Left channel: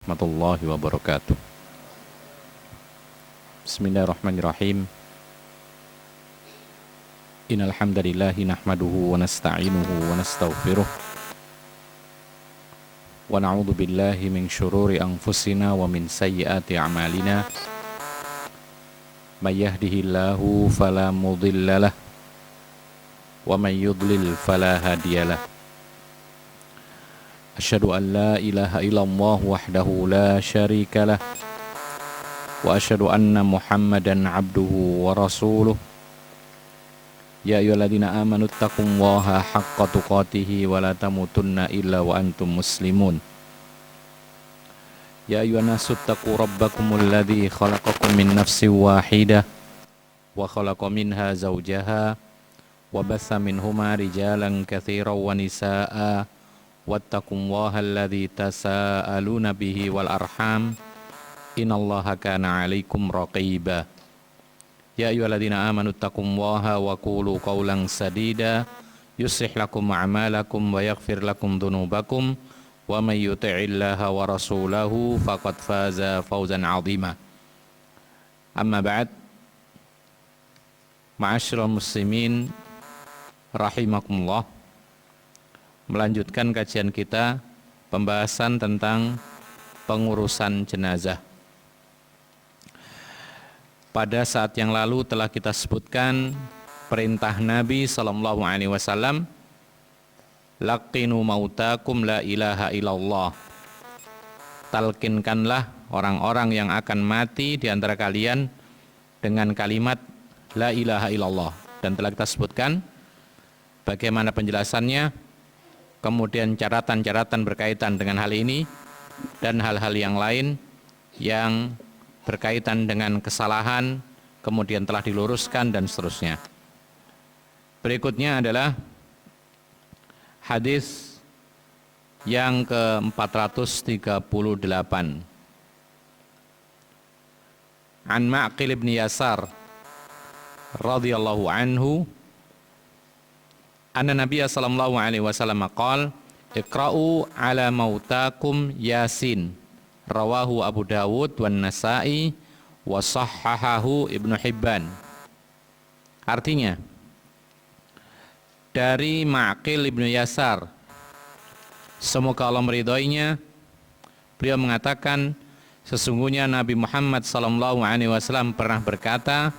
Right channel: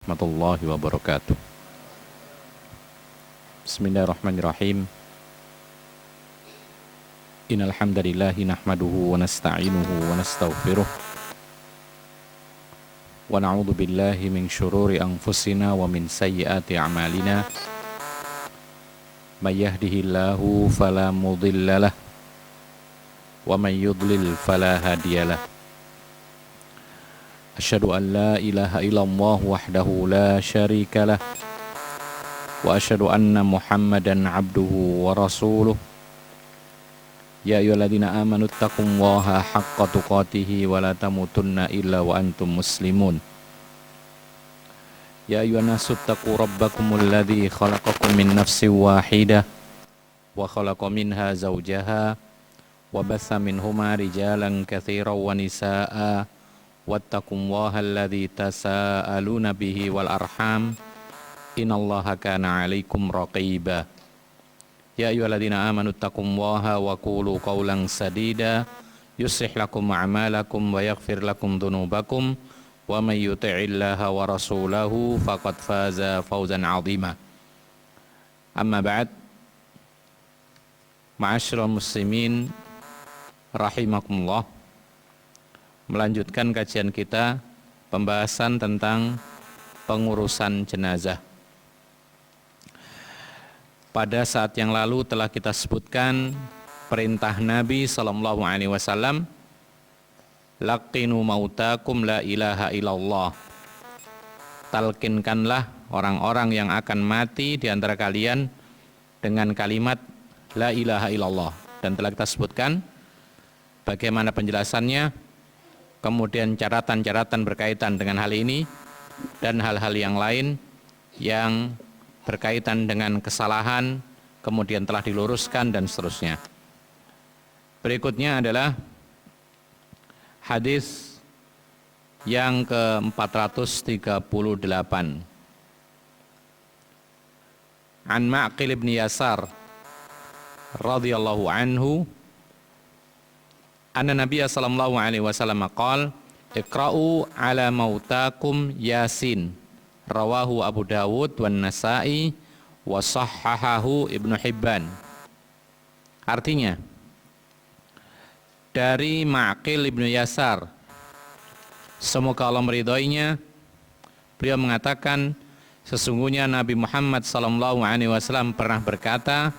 Warahmatullahi wabarakatuh. Bismillahirrahmanirrahim. Innal hamdalillahi nahmaduhu wa nasta'inuhu wa nastaghfiruh wa na'udzu billahi min syururi anfusina wa min sayyiati a'malina. May yahdihillahu fala mudhillalah wa may yudlil fala hadiyalah. Asyhadu an la ilaha illallah wahdahu la syarika lah wa asyhadu anna Muhammadan abduhu wa rasuluh. Ya ayyuhalladzina amanu taqullaha haqqa tuqatih wa la tamutunna illa wa antum muslimun. Ya ayyuhan nasu taqu rabbakumul ladzi khalaqakum min nafsin wahidah wa khalaqa minha zawjaha wa batha minhuma rijalan katsiran wa nisaa'a wattaqullaha alladzi tasaaluna bihi wal arham innallaha kana 'alaikum raqiba. Ya ayyuhalladzina amanu taqullaha wa qulu qawlan sadida yuslih lakum a'malakum wa yaghfir lakum dhunubakum wa may yuti'illaha wa rasulahu faqad faza fawzan 'azima. Amma ba'd. Ma'asyiral muslimin rahimakumullah. Melanjutkan kajian kita, pembahasan tentang pengurusan jenazah. Pada saat yang lalu telah kita sebutkan perintah Nabi SAW, laqinu mautakum la ilaha illallah. Talkinkanlah orang-orang yang akan mati di antara kalian dengan kalimat la ilaha illallah. Dan telah kita sebutkan bagaimana penjelasannya, kemudian catatan-catatan berkaitan dengan hal ini dan hal-hal yang lain yang berkaitan dengan kesalahan kemudian telah diluruskan dan seterusnya. Berikutnya adalah hadis yang ke-438. An Ma'qil ibn Yasar radhiyallahu anhu anna Nabiya sallallahu alaihi wasallam qala iqra'u ala mautakum Yasin, rawahu Abu Dawud wan Nasa'i wa sahhahahu Ibnu Hibban. Artinya, dari Ma'qil ibn Yasar, semoga Allah meridhoinya, beliau mengatakan sesungguhnya Nabi Muhammad sallallahu alaihi wasallam pernah berkata,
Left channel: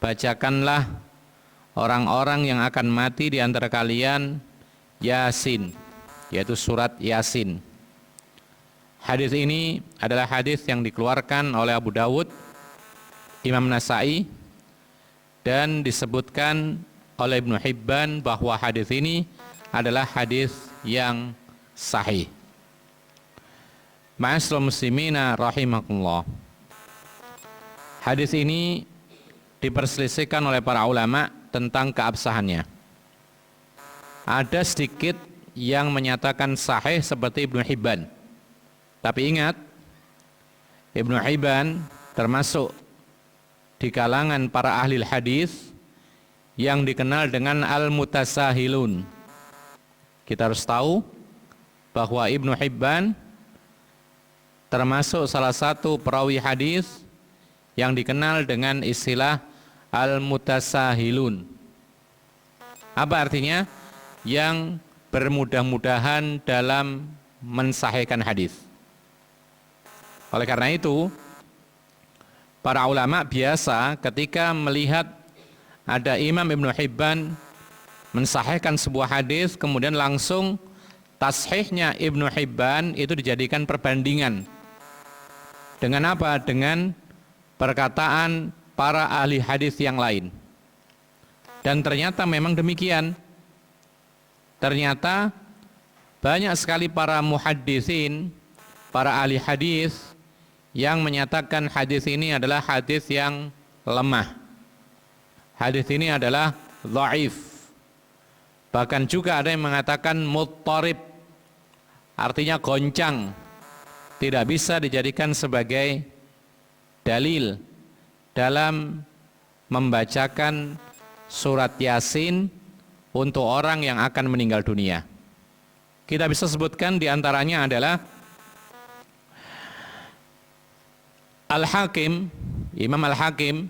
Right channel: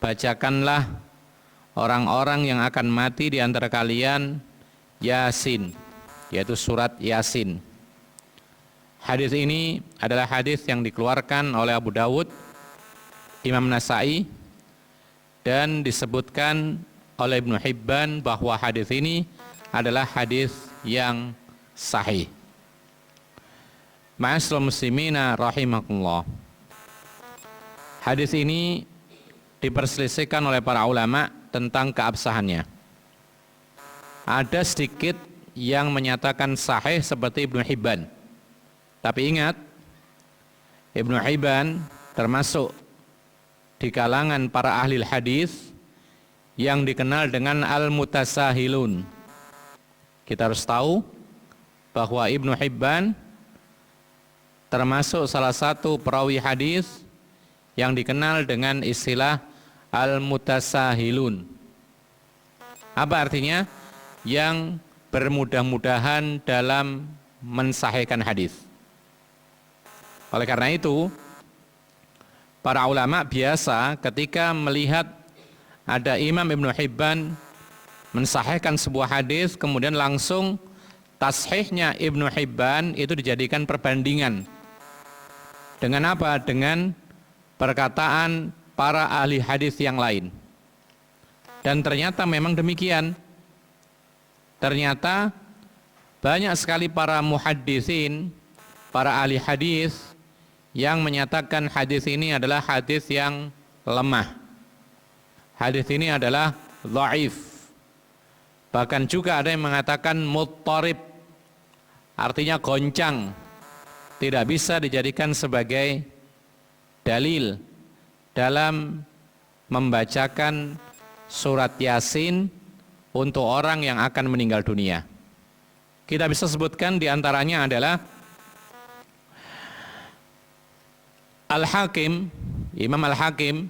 bacakanlah orang-orang yang akan mati di antara kalian Yasin, yaitu surat Yasin. Hadis ini adalah hadis yang dikeluarkan oleh Abu Dawud, Imam Nasa'i, dan disebutkan oleh Ibnu Hibban bahwa hadis ini adalah hadis yang sahih. Ma'asyiral muslimina rahimakumullah. Hadis ini diperselisihkan oleh para ulama tentang keabsahannya. Ada sedikit yang menyatakan sahih seperti Ibnu Hibban. Tapi ingat, Ibnu Hibban termasuk di kalangan para ahli hadis yang dikenal dengan al-mutasahilun. Kita harus tahu bahwa Ibnu Hibban termasuk salah satu perawi hadis yang dikenal dengan istilah al-mutasahilun. Apa artinya? Yang bermudah-mudahan dalam mensahihkan hadis. Oleh karena itu, para ulama biasa ketika melihat ada Imam Ibnu Hibban mensahihkan sebuah hadis, kemudian langsung tashihnya Ibnu Hibban itu dijadikan perbandingan. Dengan apa? Dengan perkataan para ahli hadis yang lain. Dan ternyata memang demikian. Ternyata banyak sekali para muhaddisin, para ahli hadis yang menyatakan hadis ini adalah hadis yang lemah. Hadis ini adalah dhaif. Bahkan juga ada yang mengatakan muttarib, artinya goncang, tidak bisa dijadikan sebagai dalil dalam membacakan surat Yasin untuk orang yang akan meninggal dunia. Kita bisa sebutkan diantaranya adalah Al-Hakim, Imam Al-Hakim,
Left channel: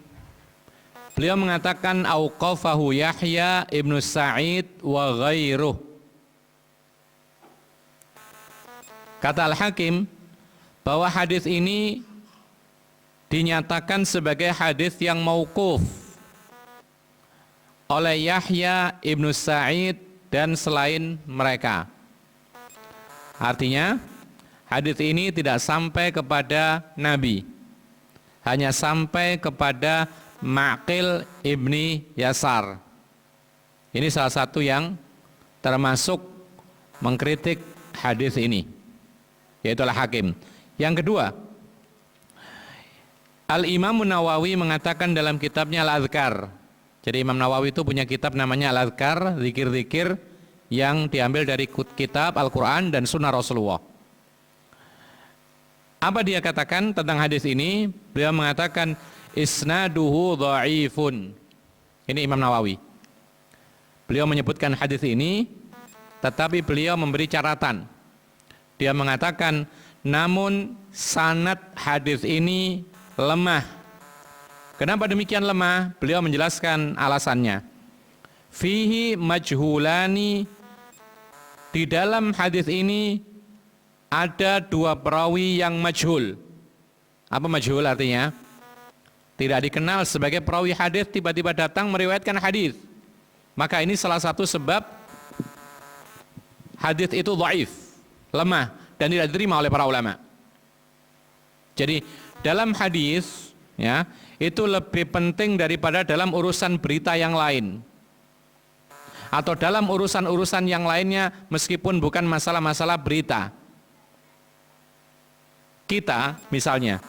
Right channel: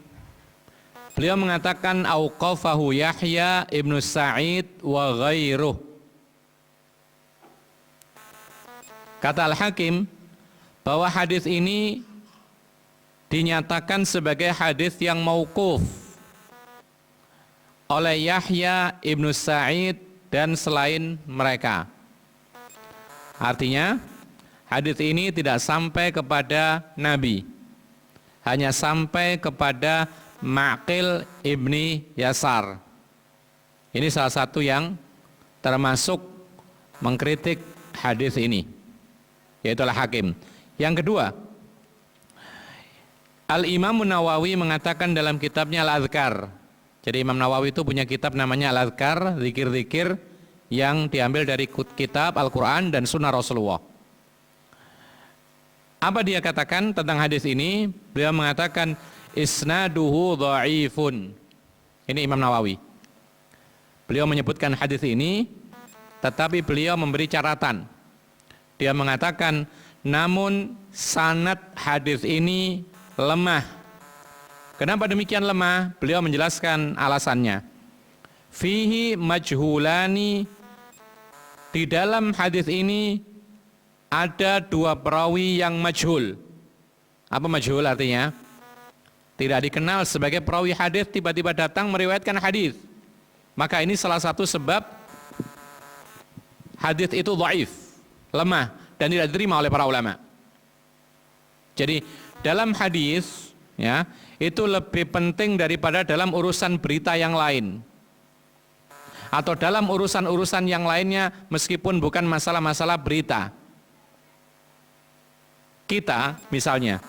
beliau mengatakan auqafahu Yahya ibnu Sa'id wa ghairuh. Kata Al-Hakim bahwa hadis ini dinyatakan sebagai hadis yang mauquf oleh Yahya ibnu Sa'id dan selain mereka. Artinya hadis ini tidak sampai kepada Nabi, hanya sampai kepada Ma'qil ibni Yasar. Ini salah satu yang termasuk mengkritik hadis ini, yaitu Al-Hakim. Yang kedua, Al-Imam Nawawi mengatakan dalam kitabnya Al-Adhkar. Jadi Imam Nawawi itu punya kitab namanya Al-Adhkar, zikir-zikir yang diambil dari kitab Al-Quran dan Sunnah Rasulullah. Apa dia katakan tentang hadis ini? Beliau mengatakan isnaduhu dha'ifun. Ini Imam Nawawi. Beliau menyebutkan hadis ini, tetapi beliau memberi catatan. Dia mengatakan, namun sanad hadis ini lemah. Kenapa demikian lemah? Beliau menjelaskan alasannya. Fihi majhulani, di dalam hadis ini ada dua perawi yang majhul. Apa majhul artinya? Tidak dikenal sebagai perawi hadis, tiba-tiba datang meriwayatkan hadis. Maka ini salah satu sebab hadis itu dhaif, lemah dan tidak diterima oleh para ulama. Jadi dalam hadis ya, itu lebih penting daripada dalam urusan berita yang lain. Atau dalam urusan-urusan yang lainnya meskipun bukan masalah-masalah berita. Kita misalnya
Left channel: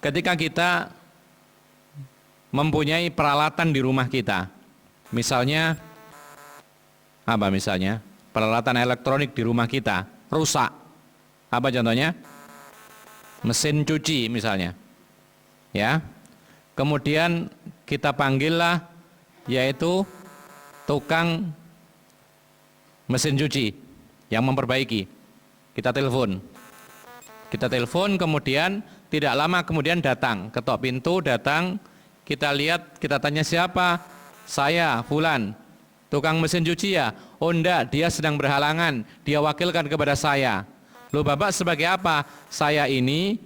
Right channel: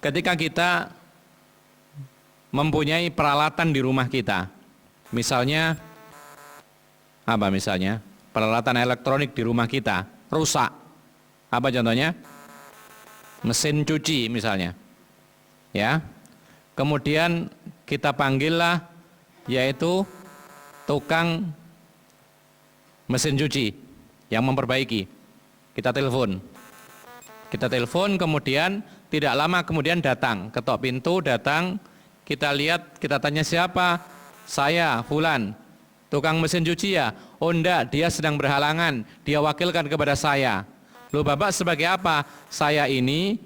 ketika kita mempunyai peralatan di rumah kita, misalnya apa misalnya? Peralatan elektronik di rumah kita rusak. Apa contohnya? Mesin cuci misalnya. Ya. Kemudian kita panggillah yaitu tukang mesin cuci yang memperbaiki. Kita telepon. Kita telepon, kemudian tidak lama kemudian datang, ketok pintu, datang, kita lihat, kita tanya siapa? Saya, fulan, tukang mesin cuci ya? Oh enggak, dia sedang berhalangan, dia wakilkan kepada saya. Loh Bapak sebagai apa? Saya ini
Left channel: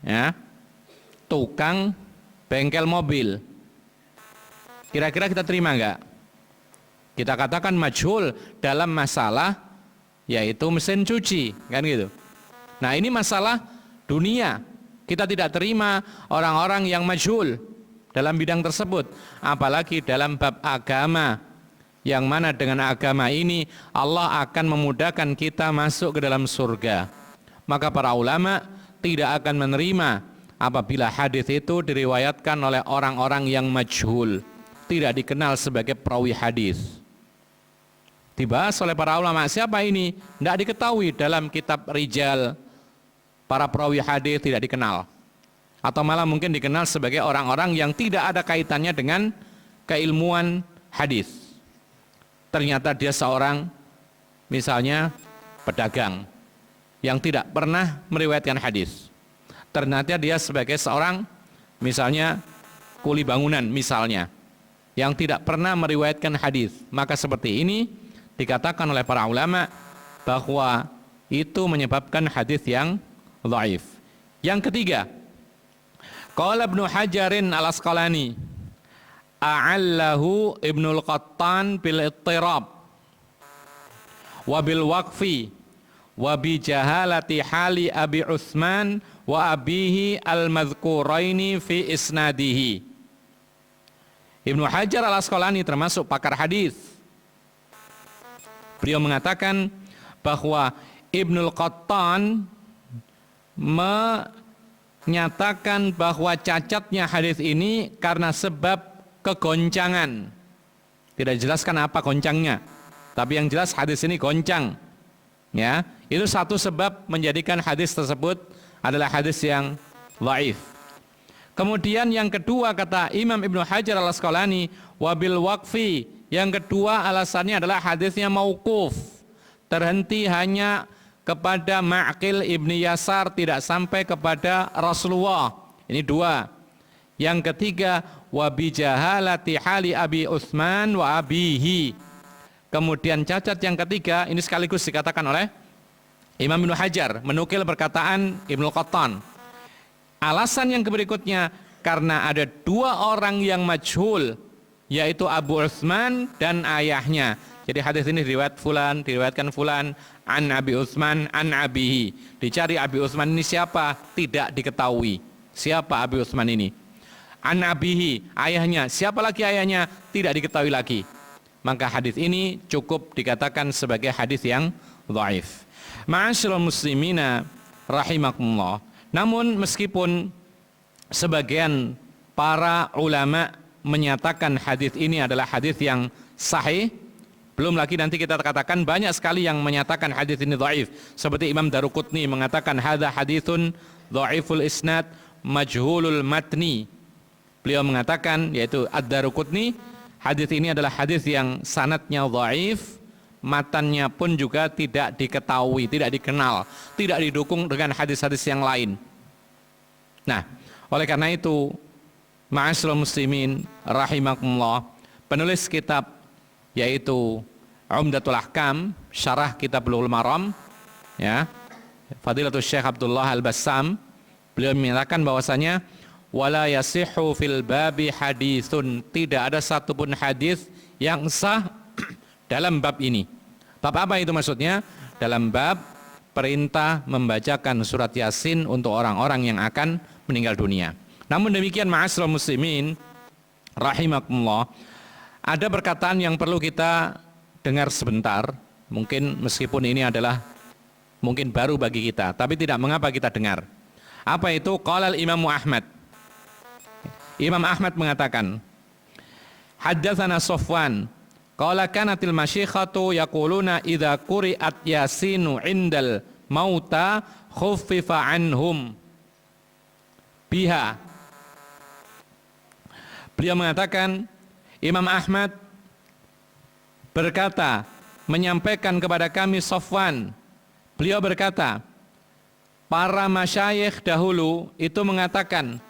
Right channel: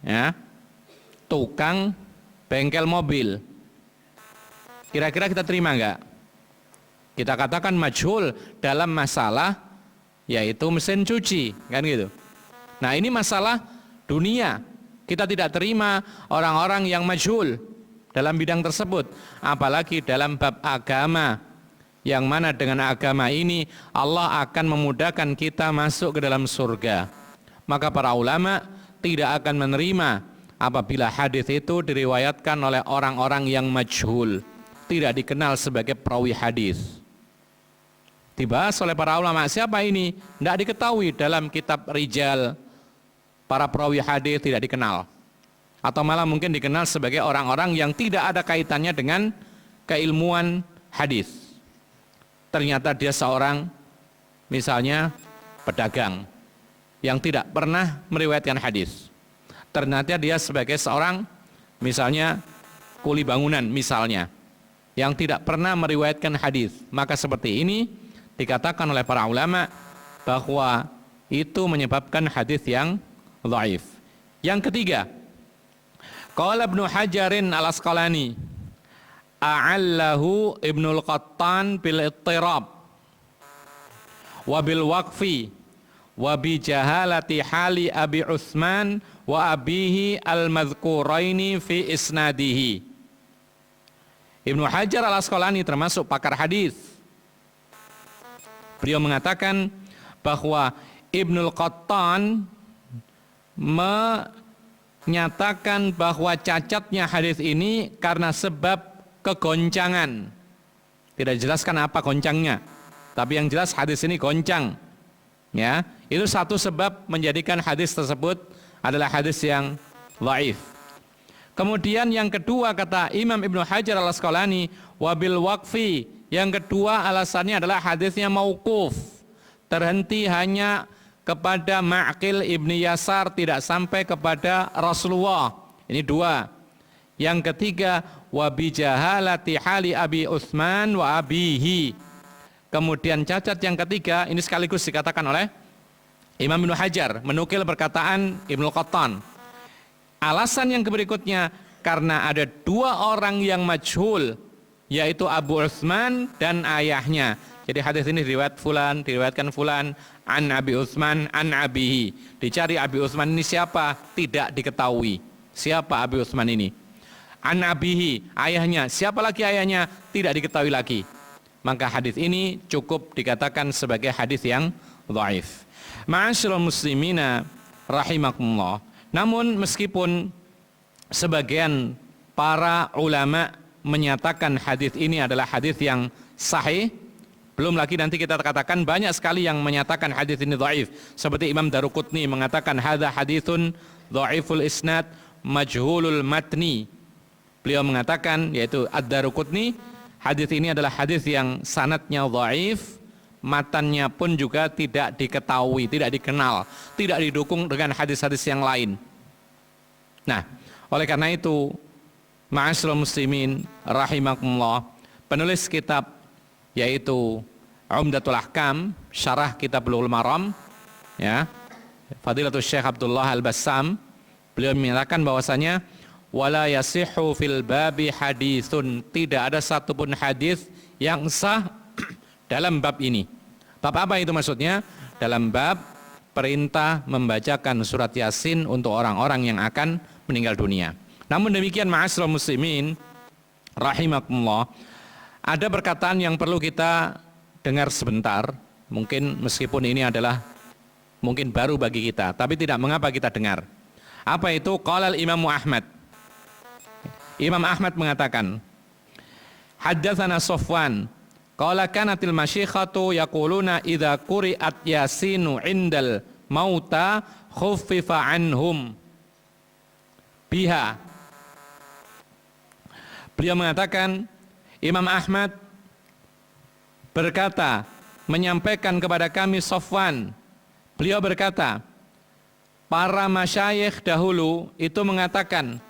ya, tukang bengkel mobil. Kira-kira kita terima enggak? Kita katakan majhul dalam masalah yaitu mesin cuci, kan gitu. Nah ini masalah dunia, kita tidak terima orang-orang yang majhul dalam bidang tersebut. Apalagi dalam bab agama, yang mana dengan agama ini Allah akan memudahkan kita masuk ke dalam surga. Maka para ulama tidak akan menerima apabila hadis itu diriwayatkan oleh orang-orang yang majhul, tidak dikenal sebagai perawi hadis. Dibahas oleh para ulama, siapa ini? Tidak diketahui dalam kitab rijal. Para perawi hadis tidak dikenal, atau malah mungkin dikenal sebagai orang-orang yang tidak ada kaitannya dengan keilmuan hadis. Ternyata dia seorang misalnya pedagang yang tidak pernah meriwayatkan hadis. Ternyata dia sebagai seorang misalnya kuli bangunan misalnya yang tidak pernah meriwayatkan hadis. Maka seperti ini dikatakan oleh para ulama bahwa itu menyebabkan hadis yang dhaif. Yang ketiga, qala Ibnu Hajarin Al-Asqalani, a'allahu Ibnul Qattan bil ittirab wa bil waqfi wa bi jahalati hali Abi Utsman wa abihi al-madhkuraini fi isnadihi. Ibnu Hajar Al-Asqalani termasuk pakar hadis. Beliau mengatakan bahwa Ibnul Qattan menyatakan bahwa cacatnya hadis ini karena sebab kegoncangan. Tidak dijelaskan apa goncangnya, tapi yang jelas hadis ini goncang. Ya, itu satu sebab menjadikan hadis tersebut adalah hadis yang dhaif. Kemudian yang kedua kata Imam Ibnu Hajar Al-Asqalani, wabil waqfi, yang kedua alasannya adalah hadisnya mauquf, terhenti hanya kepada Ma'qil ibni Yasar, tidak sampai kepada Rasulullah. Ini dua. Yang ketiga, wa bi jahalati hali Abi Utsman wa abihi. Kemudian cacat yang ketiga, ini sekaligus dikatakan oleh Imam Ibnu Hajar, menukil perkataan Ibnu Qattan. Alasan yang berikutnya, karena ada dua orang yang majhul, yaitu Abu Utsman dan ayahnya. Jadi hadis ini diriwayatkan fulan an Abi Utsman an abihi. Dicari Abi Utsman ini siapa? Tidak diketahui. Siapa Abi Utsman ini? An abihi, ayahnya. Siapa lagi ayahnya? Tidak diketahui lagi. Maka hadis ini cukup dikatakan sebagai hadis yang dhaif. Ma'asyiral muslimina rahimakumullah. Namun meskipun sebagian para ulama menyatakan hadis ini adalah hadis yang sahih, belum lagi nanti kita katakan banyak sekali yang menyatakan hadis ini dhaif. Seperti Imam Daruqutni mengatakan hadza haditsun dhaiful isnad majhulul matni. Beliau mengatakan, yaitu Ad-Daruqutni, hadis ini adalah hadis yang sanadnya dhaif, matannya pun juga tidak diketahui, tidak dikenal, tidak didukung dengan hadis-hadis yang lain. Nah, oleh karena itu, ma'asyiral muslimin rahimakumullah, penulis kitab yaitu Umdatul Ahkam, syarah kitab Bulughul Maram, ya, Fadilatul Syekh Abdullah Al-Bassam, beliau menyatakan bahwasanya wala yasihhu fil babi haditsun, tidak ada satupun hadis yang sah dalam bab ini. Bab apa itu maksudnya? Dalam bab perintah membacakan surat Yasin untuk orang-orang yang akan meninggal dunia. Namun demikian, ma'asyiral muslimin rahimakumullah, ada perkataan yang perlu kita dengar sebentar. Mungkin meskipun ini adalah mungkin baru bagi kita, tapi tidak mengapa kita dengar. Apa itu? Qala al-Imam Ahmad. Imam Ahmad mengatakan, haddatsana Safwan qala kanatil masyikhatu yaquluna idza quri'at yasinu indal mauta khuffifa anhum biha. Beliau mengatakan, Imam Ahmad berkata, menyampaikan kepada kami Safwan, beliau berkata, para masyayikh dahulu itu mengatakan,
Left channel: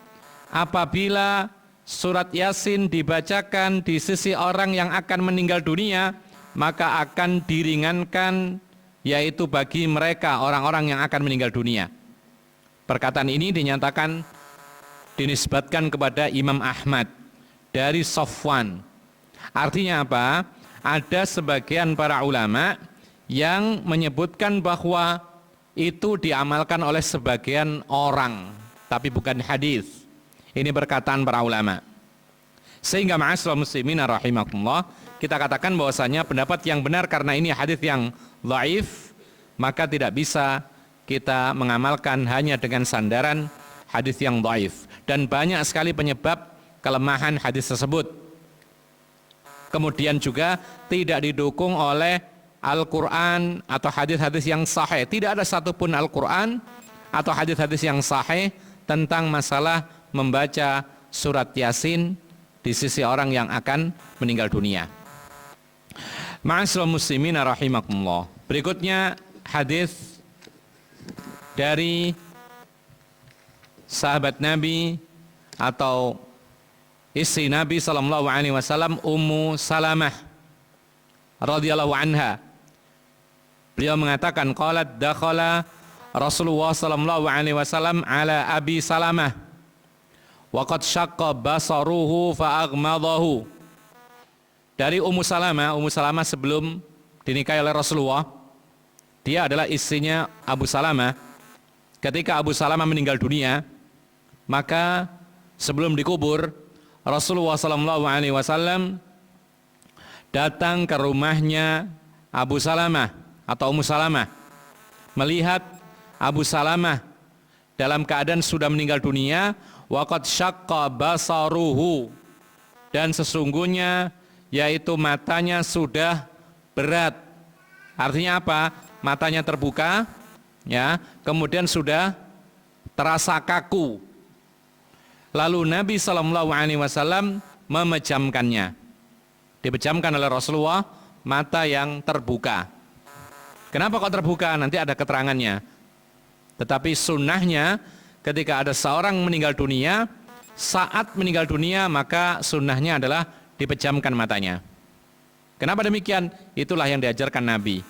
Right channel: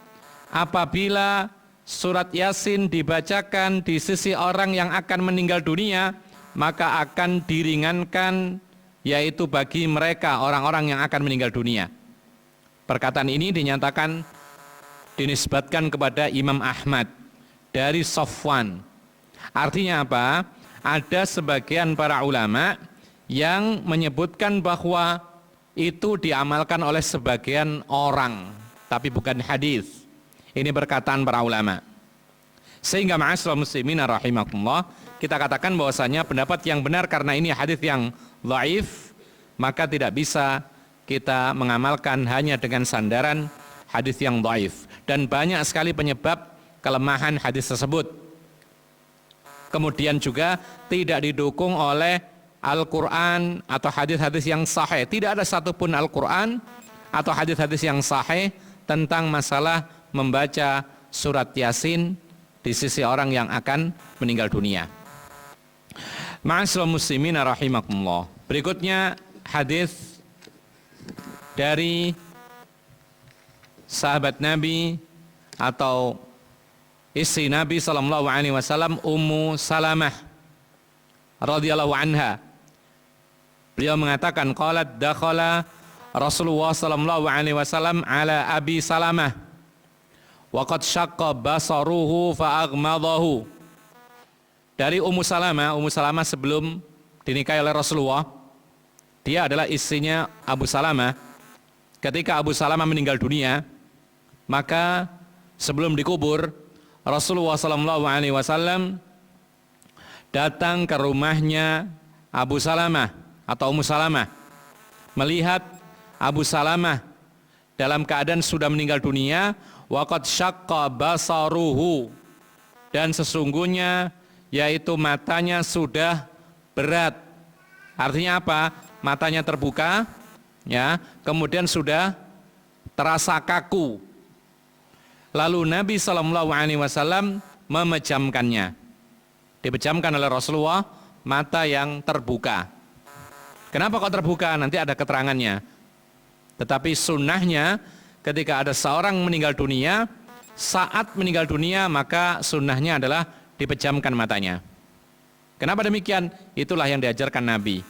apabila surat Yasin dibacakan di sisi orang yang akan meninggal dunia, maka akan diringankan, yaitu bagi mereka orang-orang yang akan meninggal dunia. Perkataan ini dinyatakan, dinisbatkan kepada Imam Ahmad dari Safwan. Artinya apa? Ada sebagian para ulama yang menyebutkan bahwa itu diamalkan oleh sebagian orang, tapi bukan hadis. Ini perkataan para ulama. Sehingga ma'asyiral muslimin rahimakumullah, kita katakan bahwasanya pendapat yang benar karena ini hadis yang dhaif, maka tidak bisa kita mengamalkan hanya dengan sandaran hadis yang dhaif. Dan banyak sekali penyebab kelemahan hadis tersebut. Kemudian juga tidak didukung oleh Al-Quran atau hadis-hadis yang sahih. Tidak ada satupun Al-Quran atau hadis-hadis yang sahih tentang masalah membaca surat Yasin di sisi orang yang akan meninggal dunia. Ma'asyiral muslimin rahimakumullah. Berikutnya hadis dari sahabat Nabi atau istri Nabi sallallahu alaihi wasallam, Ummu Salamah radhiyallahu anha. Beliau mengatakan, qalat dakhala Rasulullah sallallahu alaihi wasallam ala Abi Salamah wa qad syaqqa basaruhu fa aghmadahu. Dari Ummu Salamah sebelum dinikahi oleh Rasulullah, dia adalah istrinya Abu Salamah. Ketika Abu Salamah meninggal dunia, maka sebelum dikubur, Rasulullah SAW datang ke rumahnya Abu Salamah atau Ummu Salamah, melihat Abu Salamah dalam keadaan sudah meninggal dunia, waqad syaqqa basaruhu, dan sesungguhnya yaitu matanya sudah berat. Artinya apa? Matanya terbuka, ya, kemudian sudah terasa kaku. Lalu Nabi SAW memejamkannya. Dipejamkan oleh Rasulullah, mata yang terbuka. Kenapa kok terbuka? Nanti ada keterangannya. Tetapi sunnahnya ketika ada seorang meninggal dunia, saat meninggal dunia maka sunnahnya adalah dipejamkan matanya. Kenapa demikian? Itulah yang diajarkan Nabi.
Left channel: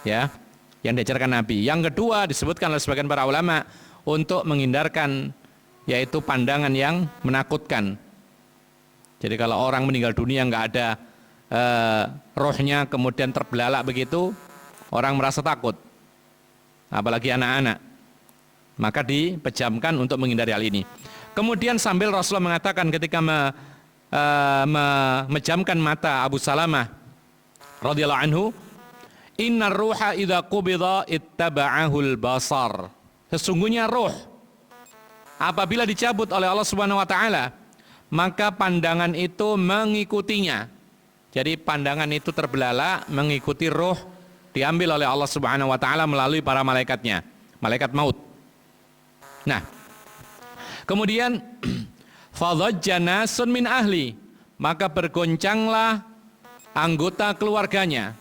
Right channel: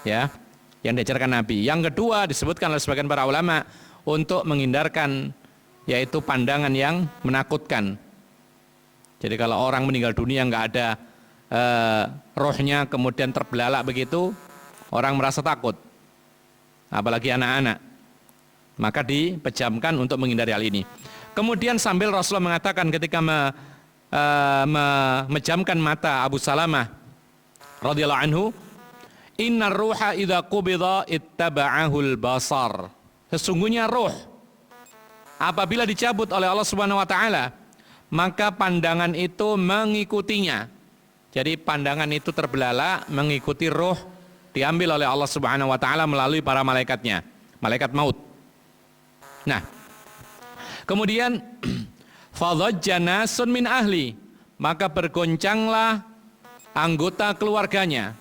Ya, yang diajarkan Nabi. Yang kedua disebutkan oleh sebagian para ulama untuk menghindarkan yaitu pandangan yang menakutkan. Jadi kalau orang meninggal dunia nggak ada rohnya kemudian terbelalak begitu, orang merasa takut, apalagi anak-anak, maka dipejamkan untuk menghindari hal ini. Kemudian sambil Rasulullah mengatakan ketika memejamkan mata Abu Salamah radhiyallahu anhu, innar ruha idza qubida ittaba'ahul basar. Sesungguhnya roh apabila dicabut oleh Allah Subhanahu wa taala, maka pandangan itu mengikutinya. Jadi pandangan itu terbelalak mengikuti roh diambil oleh Allah Subhanahu wa taala melalui para malaikatnya, malaikat maut. Nah, kemudian fadhajja nasun min ahli, maka bergoncanglah anggota keluarganya.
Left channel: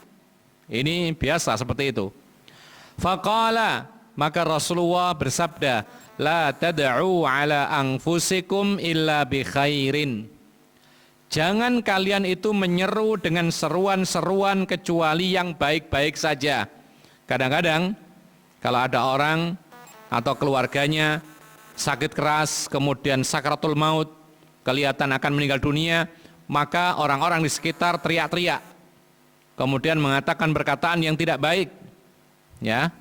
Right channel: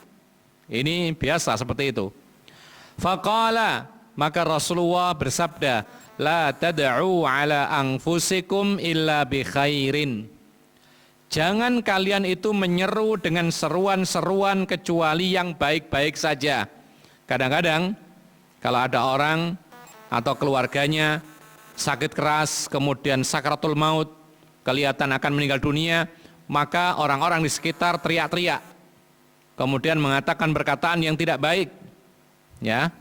Ini biasa seperti itu. Faqala, maka Rasulullah bersabda, la tad'u ala anfusikum illa bi khairin. Jangan kalian itu menyeru dengan seruan-seruan kecuali yang baik-baik saja. Kadang-kadang kalau ada orang atau keluarganya sakit keras, kemudian sakaratul maut, kelihatan akan meninggal dunia, maka orang-orang di sekitar teriak-teriak, kemudian mengatakan perkataan yang tidak baik. Ya,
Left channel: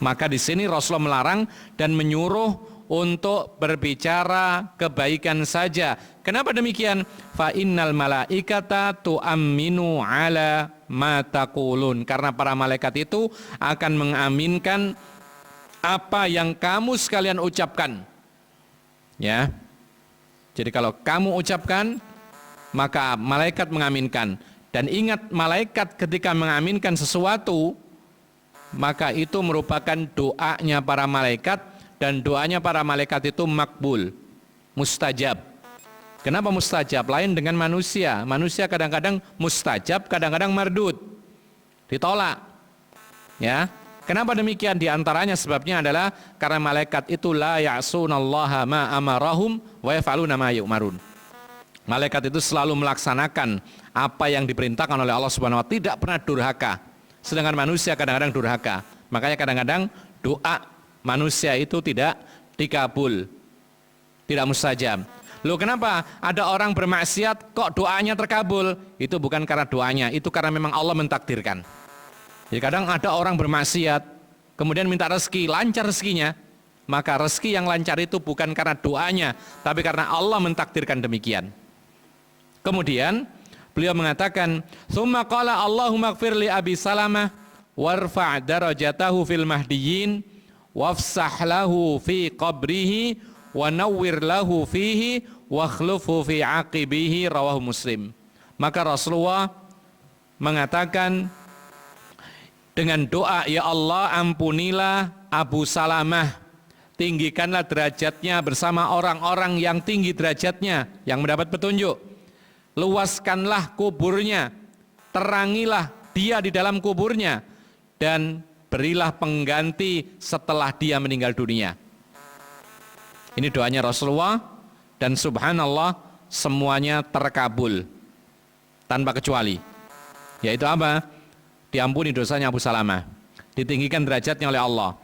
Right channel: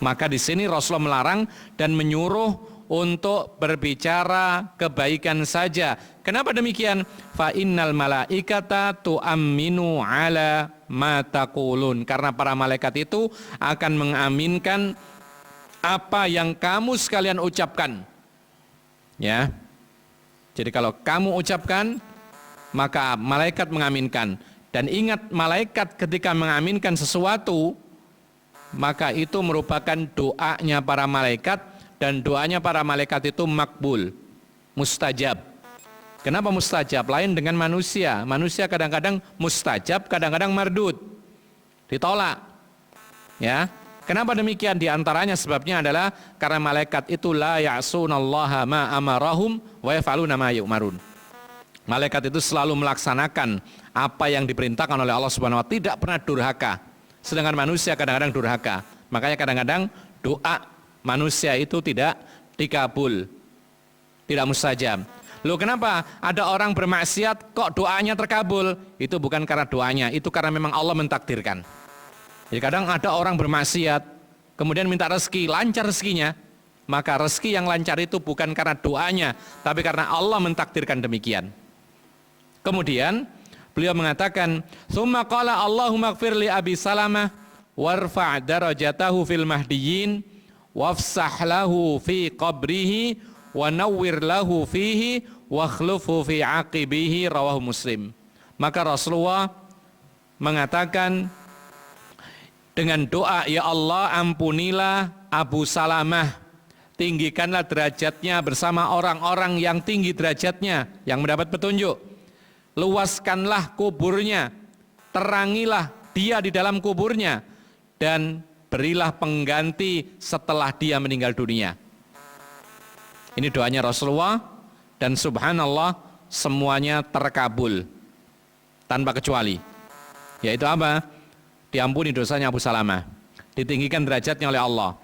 maka di sini Rasulullah melarang dan menyuruh untuk berbicara kebaikan saja. Kenapa demikian? Fa innal malaikata tu'amminu ala ma taqulun. Karena para malaikat itu akan mengaminkan apa yang kamu sekalian ucapkan. Ya. Jadi kalau kamu ucapkan, maka malaikat mengaminkan. Dan ingat, malaikat ketika mengaminkan sesuatu, maka itu merupakan doanya para malaikat, dan doanya para malaikat itu makbul, mustajab. Kenapa mustajab? Lain dengan manusia. Manusia kadang-kadang mustajab, kadang-kadang mardud, ditolak. Ya. Kenapa demikian? Di antaranya sebabnya adalah karena malaikat itu la ya'sunallaha ma amarahum wa yaf'aluna ma yu'marun. Malaikat itu selalu melaksanakan apa yang diperintahkan oleh Allah Subhanahu wa taala, tidak pernah durhaka. Sedangkan manusia kadang-kadang durhaka. Makanya kadang-kadang doa manusia itu tidak dikabul, tidak mustajab. Loh, kenapa ada orang bermaksiat kok doanya terkabul? Itu bukan karena doanya, itu karena memang Allah mentakdirkan. Jadi kadang ada orang bermaksiat kemudian minta rezeki, lancar rezekinya, maka rezeki yang lancar itu bukan karena doanya, tapi karena Allah mentakdirkan demikian. Kemudian beliau mengatakan, "Tsumma qala Allahumma ighfir li Abi Salamah warfa' darajatahu fil mahdiyyin wafsah lahu fi qabrihi wa nawwir lahu fihi wa khlufu fi aqibihi," rawahu Muslim. Maka Rasulullah mengatakan dengan doa, ya Allah ampunilah Abu Salamah, tinggikanlah derajatnya bersama orang-orang yang tinggi derajatnya, yang mendapat petunjuk. Luaskanlah kuburnya, terangilah dia di dalam kuburnya, dan berilah pengganti setelah dia meninggal dunia. Ini doanya Rasulullah, dan subhanallah semuanya terkabul tanpa kecuali. Yaitu apa? Diampuni dosanya Abu Salamah, ditinggikan derajatnya oleh Allah,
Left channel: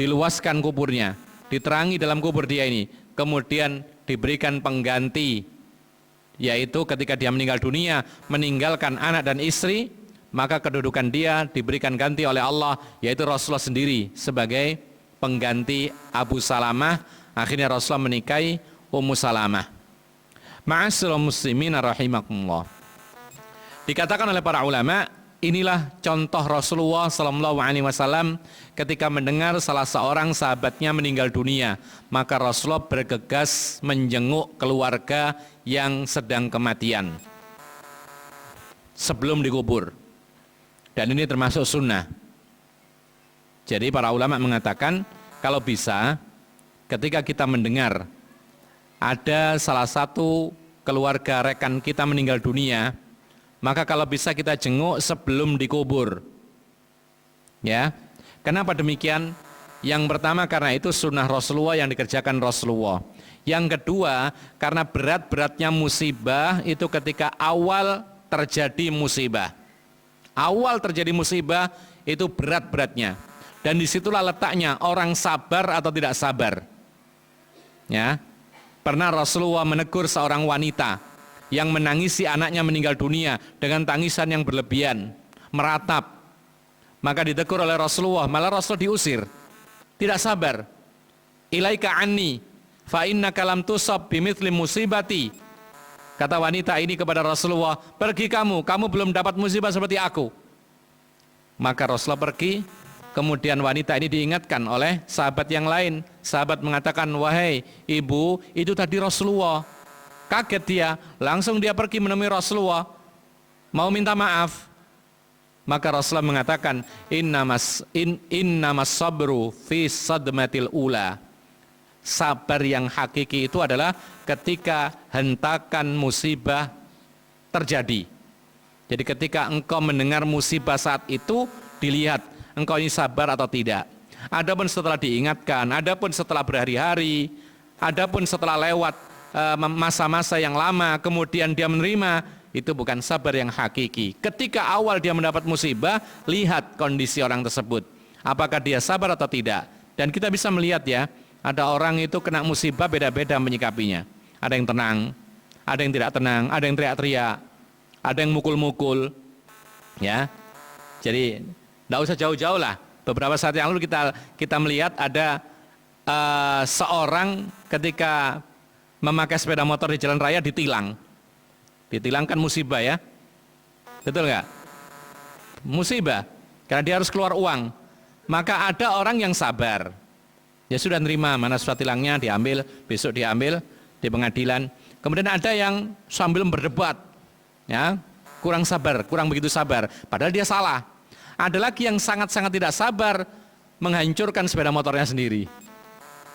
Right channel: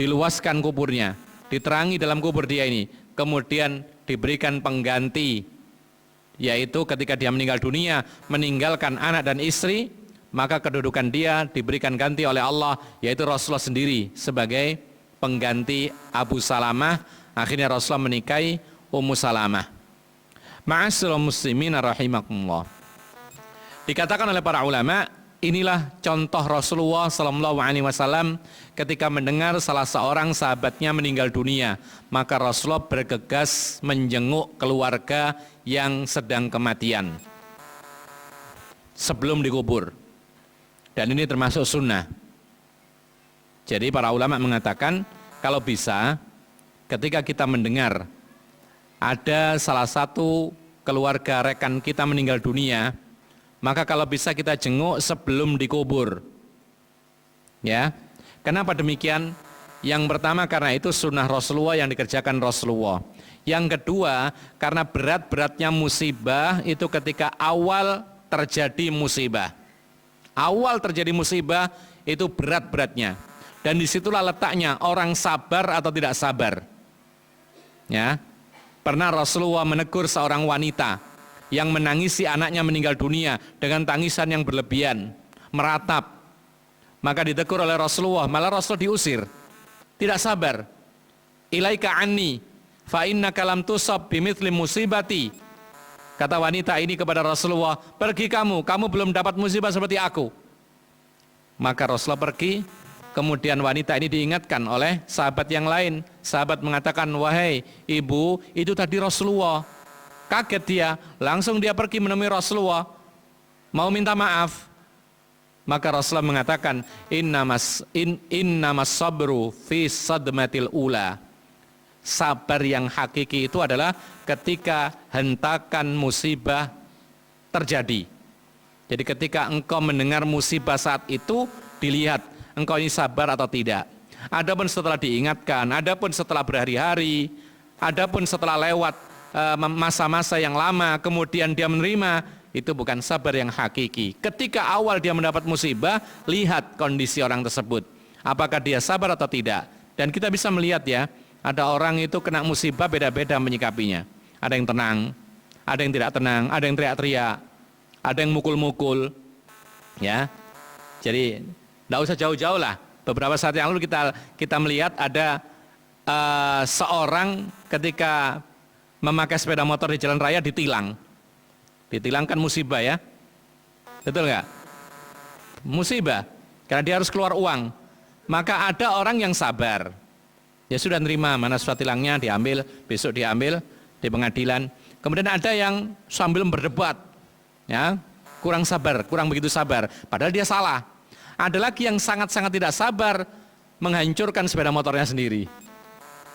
diluaskan kuburnya, diterangi dalam kubur dia ini, kemudian diberikan pengganti, yaitu ketika dia meninggal dunia meninggalkan anak dan istri, maka kedudukan dia diberikan ganti oleh Allah, yaitu Rasulullah sendiri sebagai pengganti Abu Salamah. Akhirnya Rasulullah menikahi Ummu Salamah. Ma'asyiral muslimin rahimakumullah. Dikatakan oleh para ulama, inilah contoh Rasulullah sallallahu alaihi wasallam ketika mendengar salah seorang sahabatnya meninggal dunia, maka Rasulullah bergegas menjenguk keluarga yang sedang kematian sebelum dikubur. Dan ini termasuk sunnah. Jadi para ulama mengatakan kalau bisa ketika kita mendengar ada salah satu keluarga rekan kita meninggal dunia, maka kalau bisa kita jenguk sebelum dikubur. Ya. Kenapa demikian? Yang pertama karena itu sunnah Rasulullah yang dikerjakan Rasulullah. Yang kedua karena berat-beratnya musibah itu ketika awal terjadi musibah. Awal terjadi musibah itu berat-beratnya. Dan disitulah letaknya orang sabar atau tidak sabar. Ya, pernah Rasulullah menegur seorang wanita yang menangisi anaknya meninggal dunia dengan tangisan yang berlebihan, meratap. Maka ditegur oleh Rasulullah, malah Rasul diusir. Tidak sabar. Ilaika anni fa innaka lam tusab bimithli musibati. Kata wanita ini kepada Rasulullah, pergi kamu belum dapat musibah seperti aku. Maka Rasulullah pergi, kemudian wanita ini diingatkan oleh sahabat yang lain. Sahabat mengatakan, wahai ibu, itu tadi Rasulullah. Kaget dia, langsung dia pergi menemui Rasulullah, mau minta maaf. Maka Rasulullah mengatakan, innamas sabru fi sadmatil ula. Sabar yang hakiki itu adalah ketika hentakan musibah terjadi. Jadi ketika engkau mendengar musibah saat itu, dilihat engkau ini sabar atau tidak. Adapun setelah diingatkan, adapun setelah berhari-hari, adapun setelah lewat masa-masa yang lama, kemudian dia menerima, itu bukan sabar yang hakiki. Ketika awal dia mendapat musibah, lihat kondisi orang tersebut. Apakah dia sabar atau tidak. Dan kita bisa melihat ya, ada orang itu kena musibah beda-beda menyikapinya. Ada yang tenang, ada yang tidak tenang, ada yang teriak-teriak, ada yang mukul-mukul, ya. Jadi tidak usah jauh-jauh lah. Beberapa saat yang lalu kita melihat ada seorang ketika memakai sepeda motor di jalan raya ditilang. Ditilang kan musibah ya, betul nggak? Musibah, karena dia harus keluar uang. Maka ada orang yang sabar, ya sudah nerima, mana surat tilangnya diambil, besok diambil di pengadilan. Kemudian ada yang sambil berdebat, ya, kurang sabar, kurang begitu sabar, padahal dia salah. Ada lagi yang sangat-sangat tidak sabar, menghancurkan sepeda motornya sendiri.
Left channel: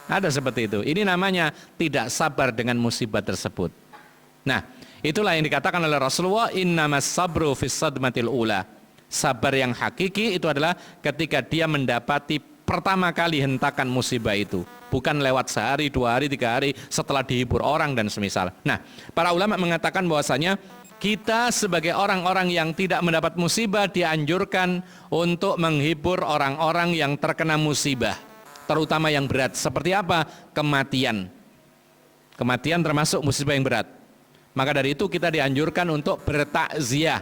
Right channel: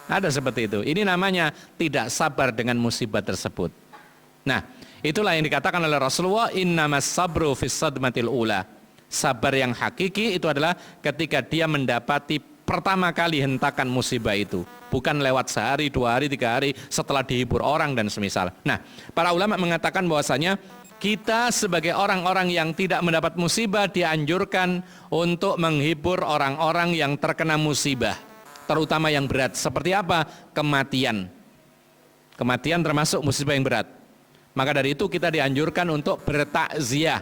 Ada seperti itu. Ini namanya tidak sabar dengan musibah tersebut. Nah, itulah yang dikatakan oleh Rasulullah, innamas sabru fis sadmatil ula. Sabar yang hakiki itu adalah ketika dia mendapati pertama kali hentakan musibah itu, bukan lewat sehari, 2 hari, 3 hari setelah dihibur orang dan semisal. Nah, para ulama mengatakan bahwasanya kita sebagai orang-orang yang tidak mendapat musibah dianjurkan untuk menghibur orang-orang yang terkena musibah, terutama yang berat. Seperti apa? Kematian. Kematian termasuk musibah yang berat. Maka dari itu kita dianjurkan untuk bertakziah.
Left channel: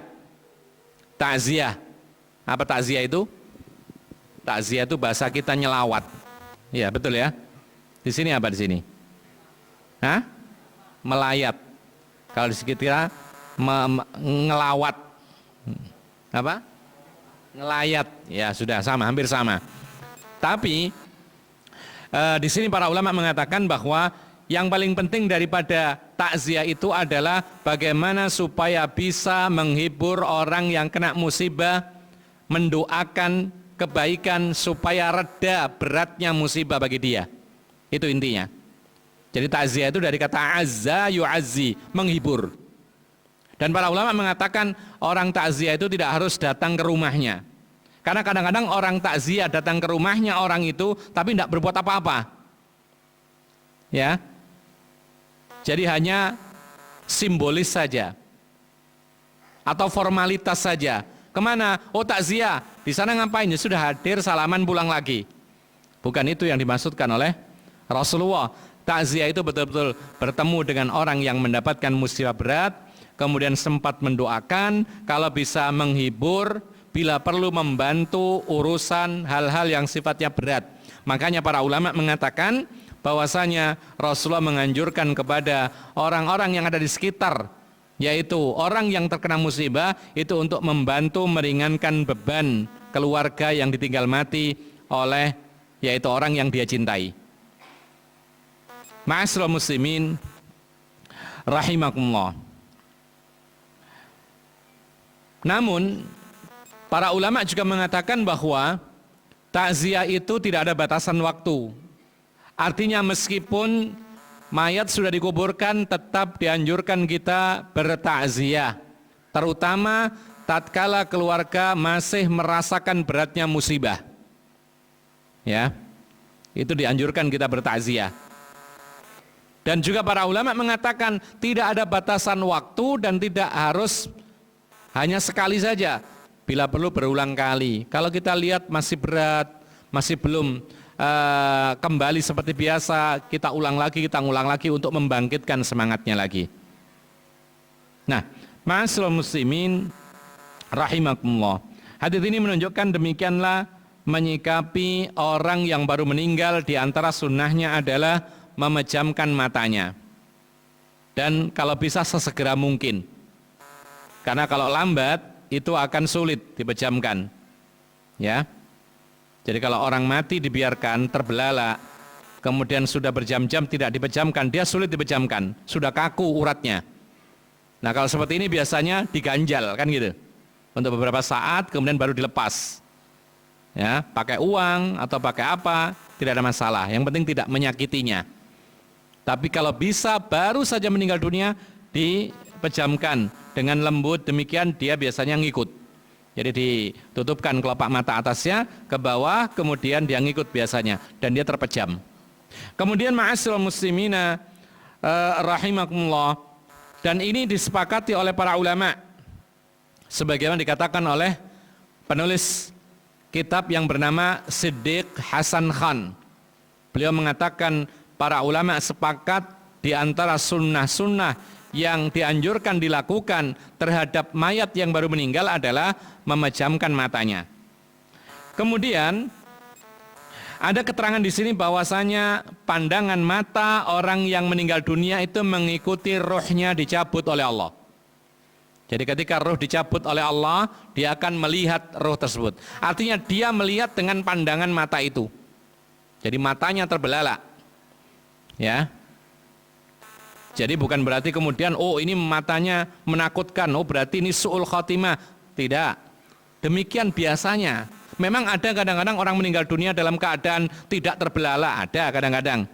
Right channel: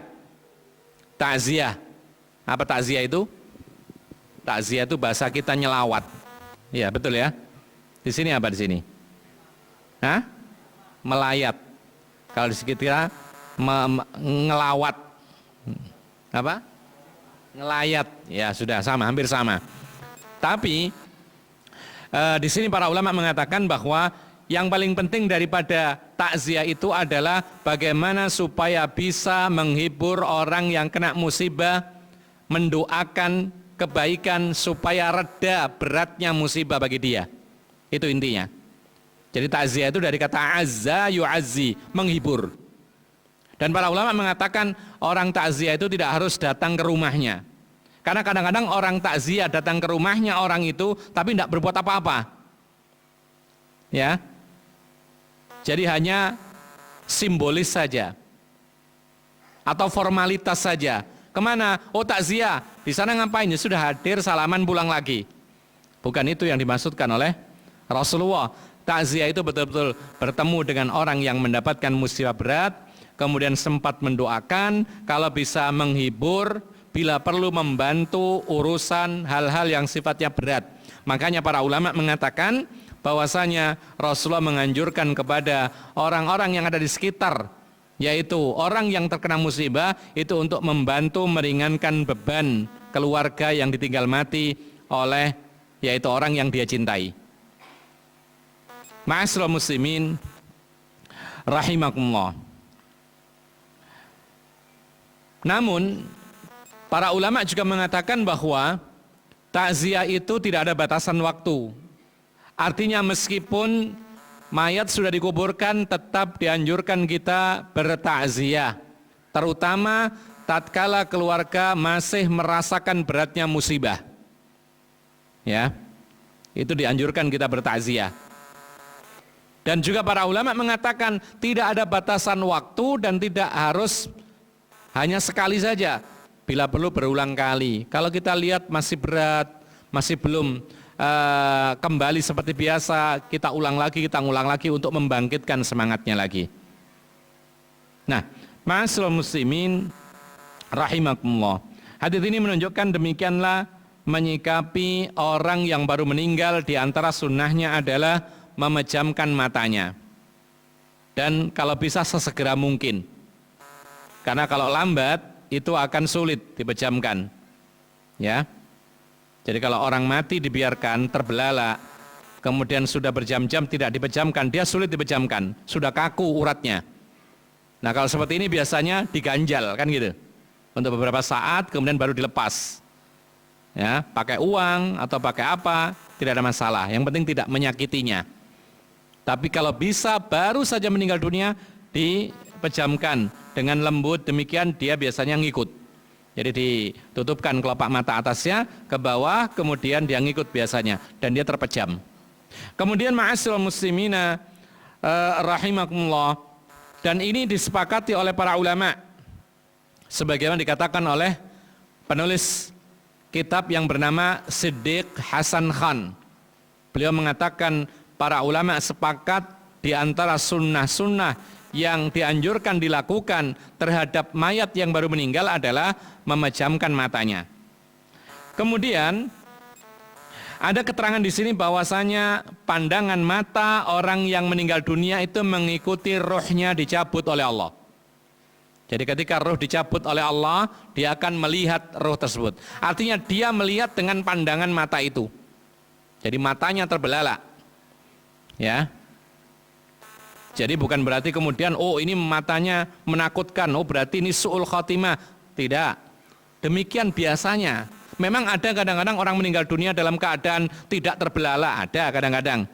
Takziah. Apa takziah itu? Takziah itu bahasa kita nyelawat. Iya, betul ya. Di sini apa di sini? Hah? Melayat. Kalau di sekitar ngelawat. Apa? Ngelayat. Ya, sudah sama, hampir sama. Tapi di sini para ulama mengatakan bahwa yang paling penting daripada takziah itu adalah bagaimana supaya bisa menghibur orang yang kena musibah, mendoakan kebaikan supaya reda beratnya musibah bagi dia. Itu intinya. Jadi takziah itu dari kata azza yu'azzi, menghibur. Dan para ulama mengatakan orang takziah itu tidak harus datang ke rumahnya. Karena kadang-kadang orang takziah datang ke rumahnya orang itu tapi tidak berbuat apa-apa. Ya. Jadi hanya simbolis saja atau formalitas saja. Kemana? Oh, takziah. Di sana ngapain? Ya sudah hadir, salaman, pulang lagi. Bukan itu yang dimaksudkan oleh Rasulullah. Takziah itu betul-betul bertemu dengan orang yang mendapatkan musibah berat, kemudian sempat mendoakan, kalau bisa menghibur, bila perlu membantu urusan hal-hal yang sifatnya berat. Makanya para ulama mengatakan bahwasanya Rasulullah menganjurkan kepada orang-orang yang ada di sekitar, yaitu orang yang terkena musibah, itu untuk membantu meringankan beban keluarga yang ditinggal mati oleh yaitu orang yang dia cintai. Ma'asyiral muslimin rahimakumullah. Namun para ulama juga mengatakan bahwa takziah itu tidak ada batasan waktu. Artinya meskipun mayat sudah dikuburkan, tetap dianjurkan kita bertakziah. Terutama tatkala keluarga masih merasakan beratnya musibah. Ya. Itu dianjurkan kita bertakziah. Dan juga para ulama mengatakan tidak ada batasan waktu dan tidak harus hanya sekali saja. Bila perlu berulang kali. Kalau kita lihat masih berat, masih belum kembali seperti biasa, kita ulang lagi untuk membangkitkan semangatnya lagi. Nah, ma'asyiral muslimin rahimakumullah. Hadits ini menunjukkan demikianlah menyikapi orang yang baru meninggal. Di antara sunnahnya adalah memejamkan matanya. Dan kalau bisa sesegera mungkin. Karena kalau lambat itu akan sulit dipejamkan. Ya. Jadi kalau orang mati dibiarkan terbelalak, kemudian sudah berjam-jam tidak dipejamkan, dia sulit dipejamkan, sudah kaku uratnya. Nah, kalau seperti ini biasanya diganjal kan gitu. Untuk beberapa saat kemudian baru dilepas. Ya, pakai uang atau pakai apa, tidak ada masalah. Yang penting tidak menyakitinya. Tapi kalau bisa baru saja meninggal dunia, dipejamkan dengan lembut, demikian dia biasanya ngikut. Jadi ditutupkan kelopak mata atasnya ke bawah, kemudian dia ngikut biasanya dan dia terpejam. Kemudian ma'asyiral muslimina rahimakumullah, dan ini disepakati oleh para ulama sebagaimana dikatakan oleh penulis kitab yang bernama Siddiq Hasan Khan. Beliau mengatakan para ulama sepakat di antara sunnah-sunnah yang dianjurkan dilakukan terhadap mayat yang baru meninggal adalah memejamkan matanya. Kemudian ada keterangan di sini bahwasanya pandangan mata orang yang meninggal dunia itu mengikuti rohnya dicabut oleh Allah. Jadi ketika roh dicabut oleh Allah, dia akan melihat roh tersebut. Artinya dia melihat dengan pandangan mata itu. Jadi matanya terbelalak. Ya. Jadi bukan berarti kemudian oh ini matanya menakutkan, oh berarti ini su'ul khotimah. Tidak. Demikian biasanya. Memang ada kadang-kadang orang meninggal dunia dalam keadaan tidak terbelalak, ada kadang-kadang.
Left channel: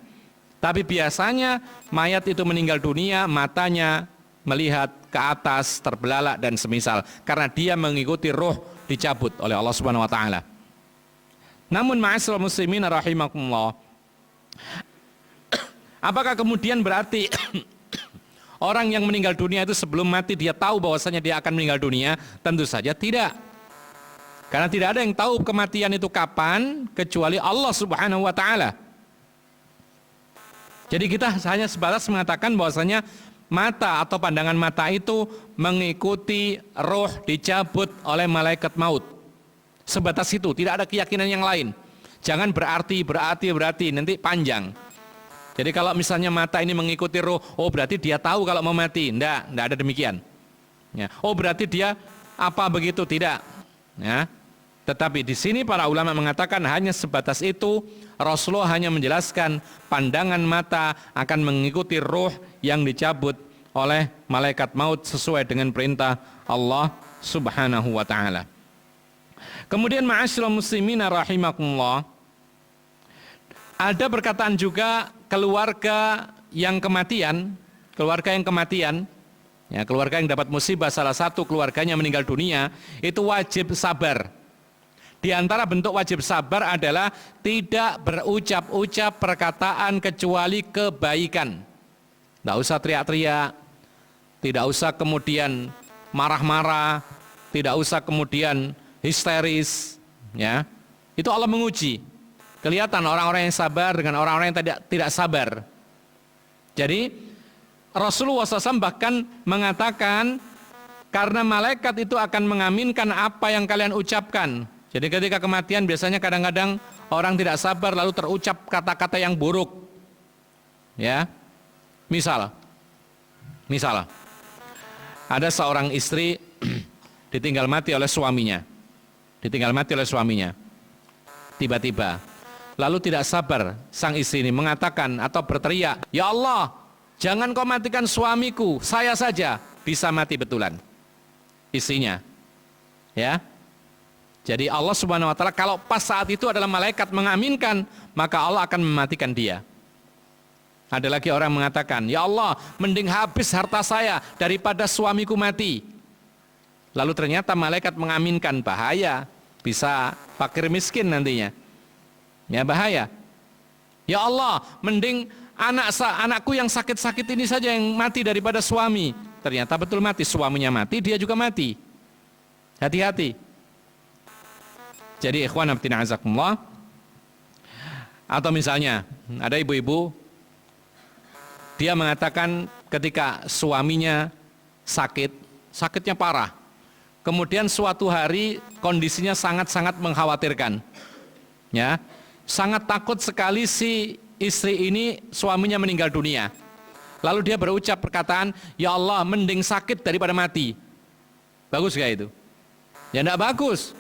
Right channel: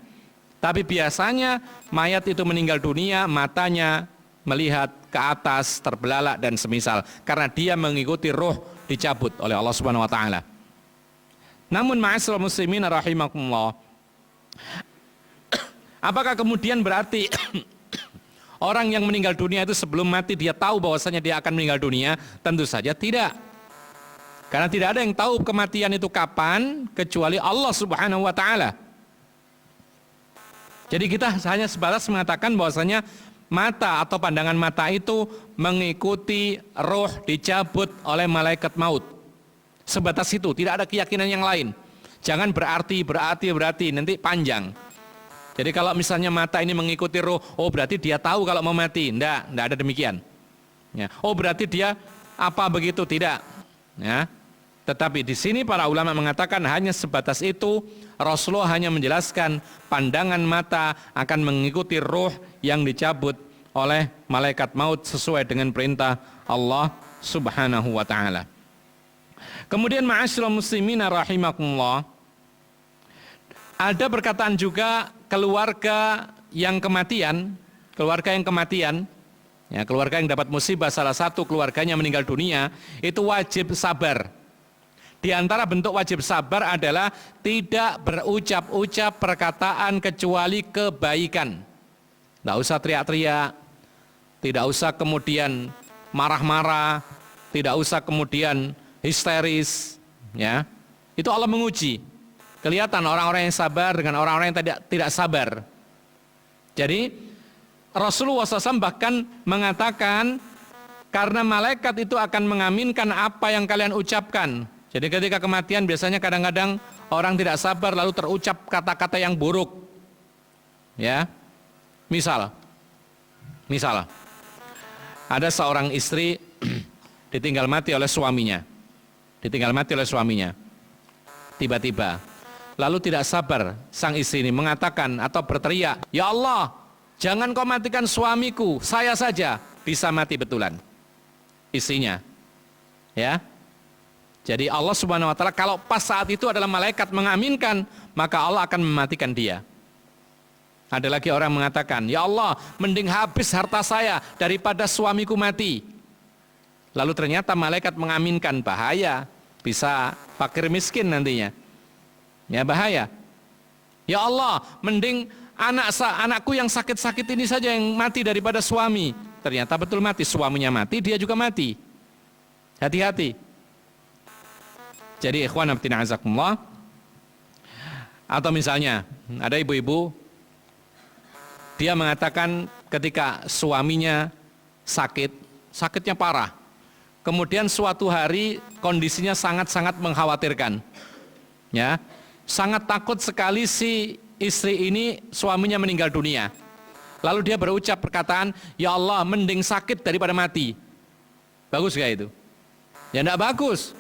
Tapi biasanya mayat itu meninggal dunia, matanya melihat ke atas, terbelalak dan semisal, karena dia mengikuti roh dicabut oleh Allah Subhanahu wa taala. Namun ma'asyiral muslimin rahimakumullah, apakah kemudian berarti orang yang meninggal dunia itu sebelum mati dia tahu bahwasanya dia akan meninggal dunia? Tentu saja tidak. Karena tidak ada yang tahu kematian itu kapan kecuali Allah Subhanahu wa taala. Jadi kita hanya sebatas mengatakan bahwasanya mata atau pandangan mata itu mengikuti roh dicabut oleh malaikat maut. Sebatas itu, tidak ada keyakinan yang lain. Jangan berarti nanti panjang. Jadi kalau misalnya mata ini mengikuti roh, oh berarti dia tahu kalau mau mati. Enggak ada demikian. Ya. Oh berarti dia apa begitu? Tidak. Ya. Tetapi di sini para ulama mengatakan hanya sebatas itu. Rasulullah hanya menjelaskan pandangan mata akan mengikuti roh yang dicabut oleh malaikat maut sesuai dengan perintah Allah Subhanahu wa taala. Kemudian ma'asyiral muslimin rahimakumullah, ada perkataan juga keluarga yang kematian, ya, keluarga yang dapat musibah, salah satu keluarganya meninggal dunia, itu wajib sabar. Di antara bentuk wajib sabar adalah tidak berucap-ucap perkataan kecuali kebaikan. Tidak usah teriak-teriak, tidak usah kemudian marah-marah, tidak usah kemudian histeris. Ya, itu Allah menguji. Kelihatan orang-orang yang sabar dengan orang-orang yang tidak sabar. Jadi Rasulullah SAW bahkan mengatakan karena malaikat itu akan mengaminkan apa yang kalian ucapkan. Jadi ketika kematian biasanya kadang-kadang orang tidak sabar lalu terucap kata-kata yang buruk. Ya. Misal ada seorang istri ditinggal mati oleh suaminya. Tiba-tiba lalu tidak sabar sang istri ini mengatakan atau berteriak, "Ya Allah, jangan kau matikan suamiku, saya saja." Bisa mati betulan istrinya. Ya. Jadi Allah Subhanahu wa taala kalau pas saat itu adalah malaikat mengaminkan, maka Allah akan mematikan dia. Ada lagi orang mengatakan, "Ya Allah, mending habis harta saya daripada suamiku mati." lalu ternyata malaikat mengaminkan, bahaya, bisa fakir miskin nantinya. Ya, bahaya. Ya Allah, mending anakku yang sakit-sakit ini saja yang mati daripada suami. Ternyata betul mati, suaminya mati, dia juga mati. Hati-hati. Jadi ikhwan fillah azakumullah. Atau misalnya ada ibu-ibu, dia mengatakan ketika suaminya sakit, sakitnya parah. Kemudian suatu hari kondisinya sangat-sangat mengkhawatirkan. Ya, sangat takut sekali si istri ini suaminya meninggal dunia. Lalu dia berucap perkataan, ya Allah, mending sakit daripada mati. Bagus gak itu? Ya enggak bagus.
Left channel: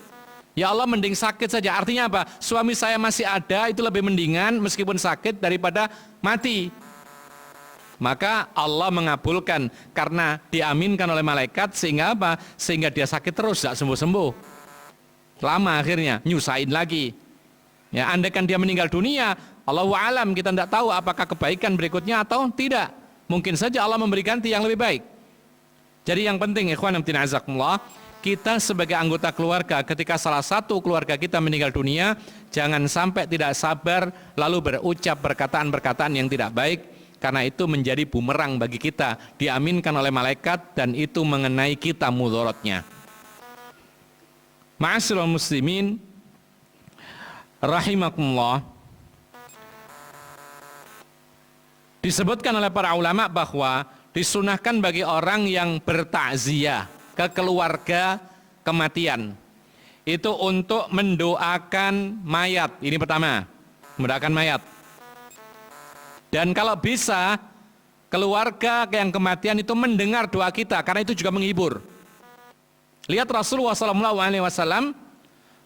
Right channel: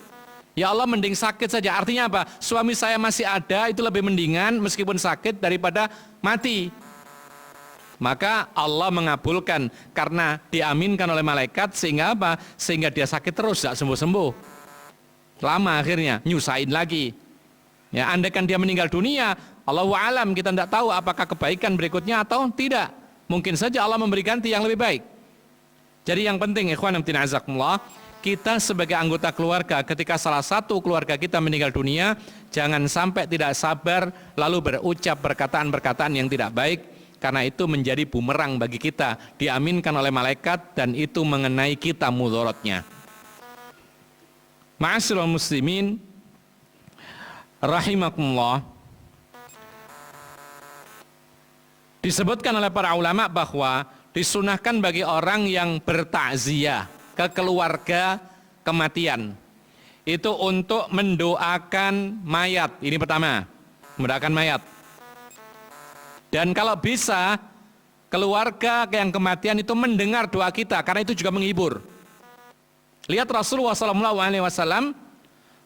Ya Allah, mending sakit saja. Artinya apa? Suami saya masih ada, itu lebih mendingan meskipun sakit daripada mati. Maka Allah mengabulkan karena diaminkan oleh malaikat, sehingga apa? Sehingga dia sakit terus, tidak sembuh-sembuh. Lama akhirnya, nyusahin lagi. Ya, andaikan dia meninggal dunia, Allahu a'lam, kita tidak tahu apakah kebaikan berikutnya atau tidak. Mungkin saja Allah memberi ganti yang lebih baik. Jadi yang penting, ikhwan fillah azakumullah, kita sebagai anggota keluarga, ketika salah satu keluarga kita meninggal dunia, jangan sampai tidak sabar lalu berucap perkataan-perkataan yang tidak baik, karena itu menjadi bumerang bagi kita, diaminkan oleh malaikat, dan itu mengenai kita mudharatnya. Ma'asyiral muslimin rahimakumullah, disebutkan oleh para ulama bahwa disunahkan bagi orang yang bertakziah ke keluarga kematian itu untuk mendoakan mayat. Ini pertama, mendoakan mayat. Dan kalau bisa, keluarga yang kematian itu mendengar doa kita, karena itu juga menghibur. Lihat Rasulullah SAW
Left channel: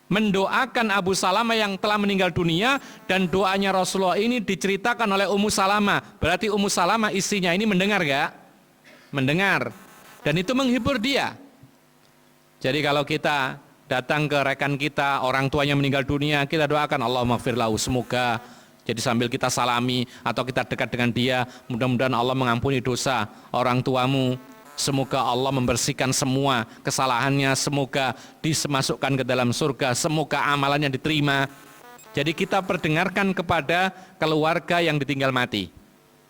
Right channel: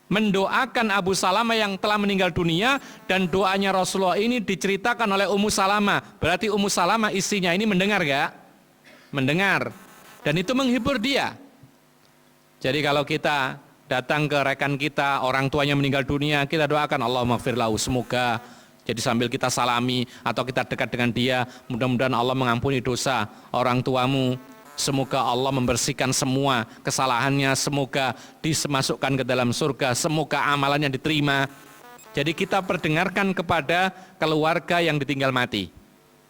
mendoakan Abu Salamah yang telah meninggal dunia, dan doanya Rasulullah ini diceritakan oleh Ummu Salamah. Berarti Ummu Salamah istrinya ini mendengar gak? Mendengar. Dan itu menghibur dia. Jadi kalau kita datang ke rekan kita, orang tuanya meninggal dunia, kita doakan Allahumma ighfir lahu, semoga. Jadi sambil kita salami atau kita dekat dengan dia, mudah-mudahan Allah mengampuni dosa orang tuamu. Semoga Allah membersihkan semua kesalahannya, semoga dimasukkan ke dalam surga, semoga amalannya diterima. Jadi kita perdengarkan kepada keluarga yang ditinggal mati,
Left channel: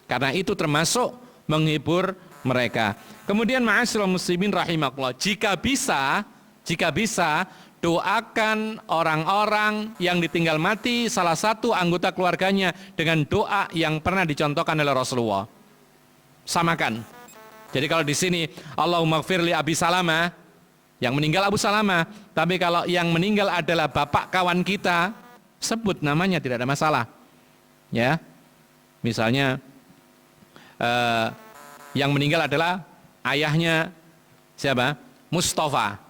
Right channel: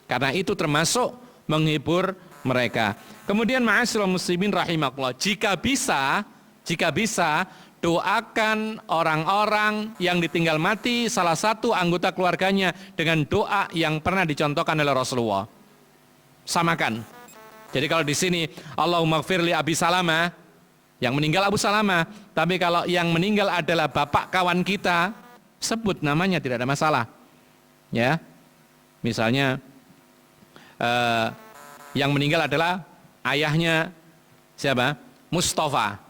karena itu termasuk menghibur mereka. Kemudian ma'asyiral muslimin rahimakumullah, jika bisa doakan orang-orang yang ditinggal mati, salah satu anggota keluarganya, dengan doa yang pernah dicontohkan oleh Rasulullah. Samakan. Jadi kalau di sini Allahumma ighfir li Abi Salamah, yang meninggal Abu Salamah, tapi kalau yang meninggal adalah bapak kawan kita, sebut namanya, tidak ada masalah. Ya. Misalnya yang meninggal adalah ayahnya siapa? Mustafa.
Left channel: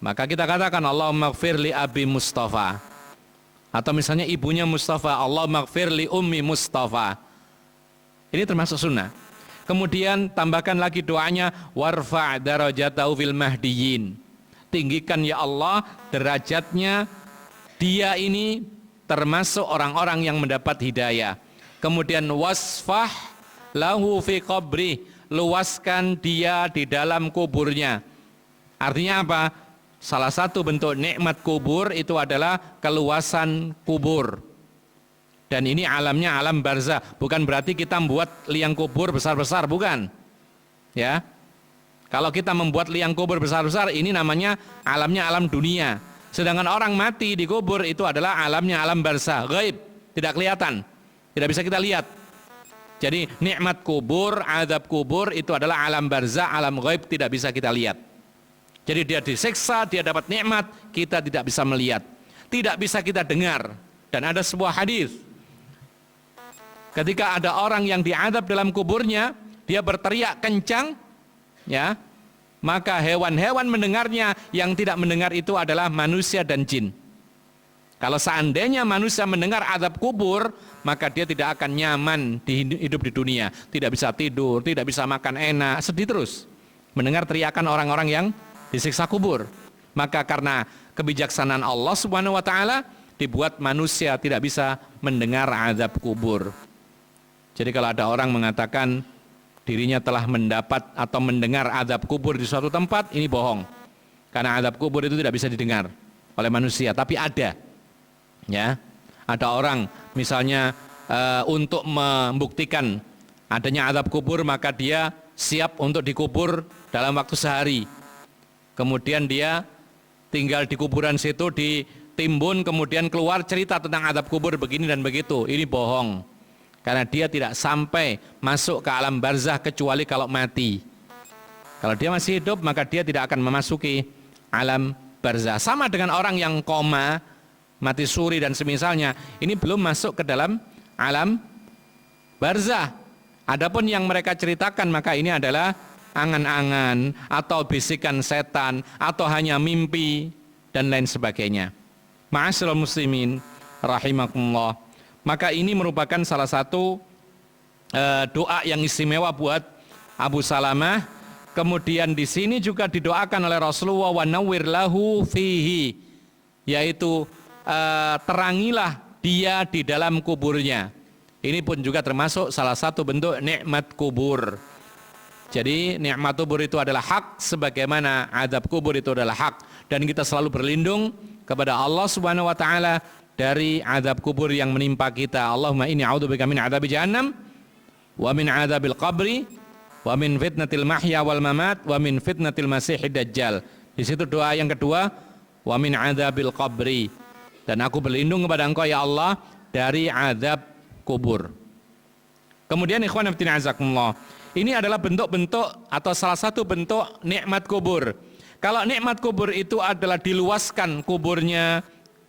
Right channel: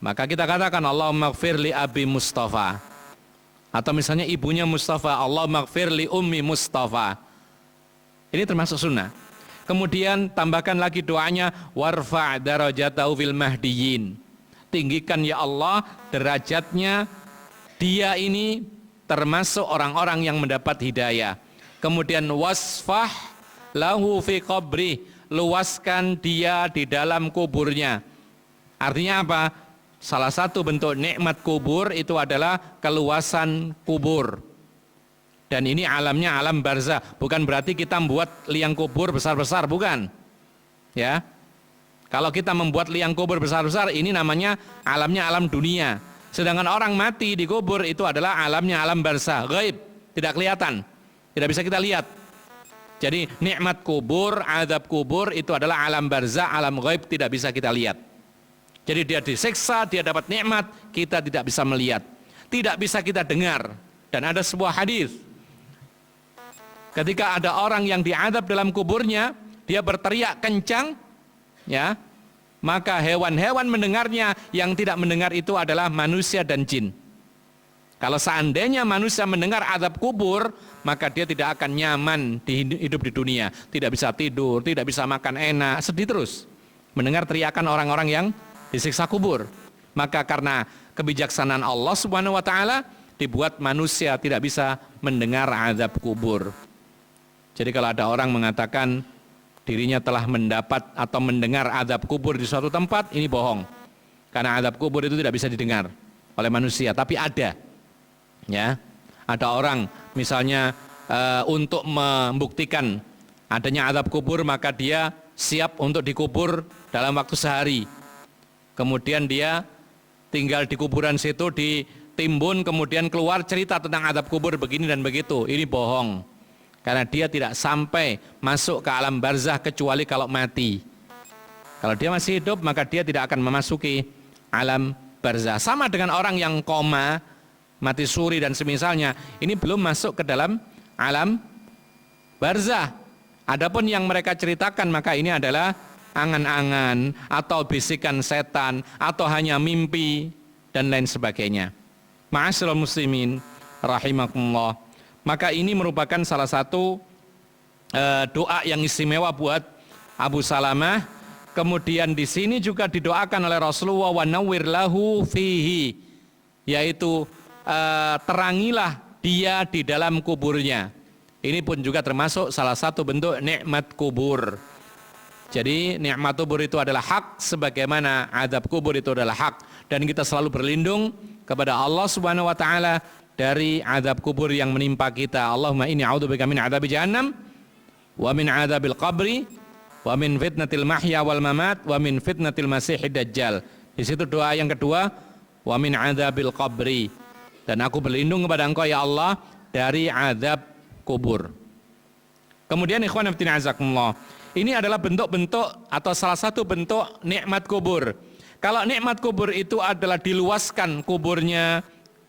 Maka kita katakan Allahumma ighfir li Abi Mustafa. Atau misalnya ibunya Mustafa, Allahumma ighfir li Ummi Mustafa. Ini termasuk sunnah. Kemudian tambahkan lagi doanya, warfa' darajatahu fil mahdiyyin. Tinggikan ya Allah derajatnya dia ini termasuk orang-orang yang mendapat hidayah. Kemudian wasfah lahu fi qabri, luaskan dia di dalam kuburnya. Artinya apa? Salah satu bentuk nikmat kubur itu adalah keluasan kubur. Dan ini alamnya alam barzah, bukan berarti kita membuat liang kubur besar-besar, bukan. Ya. Kalau kita membuat liang kubur besar-besar, ini namanya alamnya alam dunia. Sedangkan orang mati di kubur itu adalah alamnya alam barzah, gaib, tidak kelihatan, tidak bisa kita lihat. Jadi nikmat kubur, azab kubur itu adalah alam barzah, alam gaib, tidak bisa kita lihat. Jadi dia disiksa, dia dapat nikmat, kita tidak bisa melihat, tidak bisa kita dengar. Dan ada sebuah hadis, ketika ada orang yang diazab dalam kuburnya, dia berteriak kencang, ya, maka hewan-hewan mendengarnya, yang tidak mendengar itu adalah manusia dan jin. Kalau seandainya manusia mendengar azab kubur, maka dia tidak akan nyaman hidup di dunia, tidak bisa tidur, tidak bisa makan enak, sedih terus mendengar teriakan orang-orang yang disiksa kubur. Maka karena kebijaksanaan Allah Subhanahu wa taala, dibuat manusia tidak bisa mendengar azab kubur. Jadi kalau ada orang mengatakan dirinya telah mendapat atau mendengar azab kubur di suatu tempat, ini bohong. Karena azab kubur itu tidak bisa didengar oleh manusia, tapi ada. Ya. Ada orang misalnya untuk membuktikan adanya azab kubur, maka dia siap untuk dikubur dalam waktu sehari. Kemudian dia tinggal di kuburan situ, ditimbun, kemudian keluar cerita tentang azab kubur begini dan begitu. Ini bohong. Karena dia tidak sampai masuk ke alam barzah kecuali kalau mati. Kalau dia masih hidup, maka dia tidak akan memasuki alam barzah. Sama dengan orang yang koma, mati suri dan semisalnya, ini belum masuk ke dalam alam barzah. Adapun yang mereka ceritakan, maka ini adalah angan-angan atau bisikan setan atau hanya mimpi dan lain sebagainya. Ma'asyiral muslimin rahimakumullah. Maka ini merupakan salah satu doa yang istimewa buat Abu Salamah. Kemudian di sini juga didoakan oleh Rasulullah, wa nawwir lahu fihi, yaitu terangilah dia di dalam kuburnya. Ini pun juga termasuk salah satu bentuk nikmat kubur. Jadi nikmat kubur itu adalah hak, sebagaimana azab kubur itu adalah hak, dan kita selalu berlindung kepada Allah Subhanahu wa taala dari azab kubur yang menimpa kita. Allahumma inni a'udzubika min adzabi jahannam wa min adzabil qabri wa min fitnatil mahya wal mamat wa min fitnatil masiihid dajjal. Di situ doa yang kedua, wa min adzabil qabri, dan aku berlindung kepada Engkau ya Allah dari azab kubur. Kemudian ikhwan fillah azakumullah, ini adalah bentuk-bentuk atau salah satu bentuk nikmat kubur. Kalau nikmat kubur itu adalah diluaskan kuburnya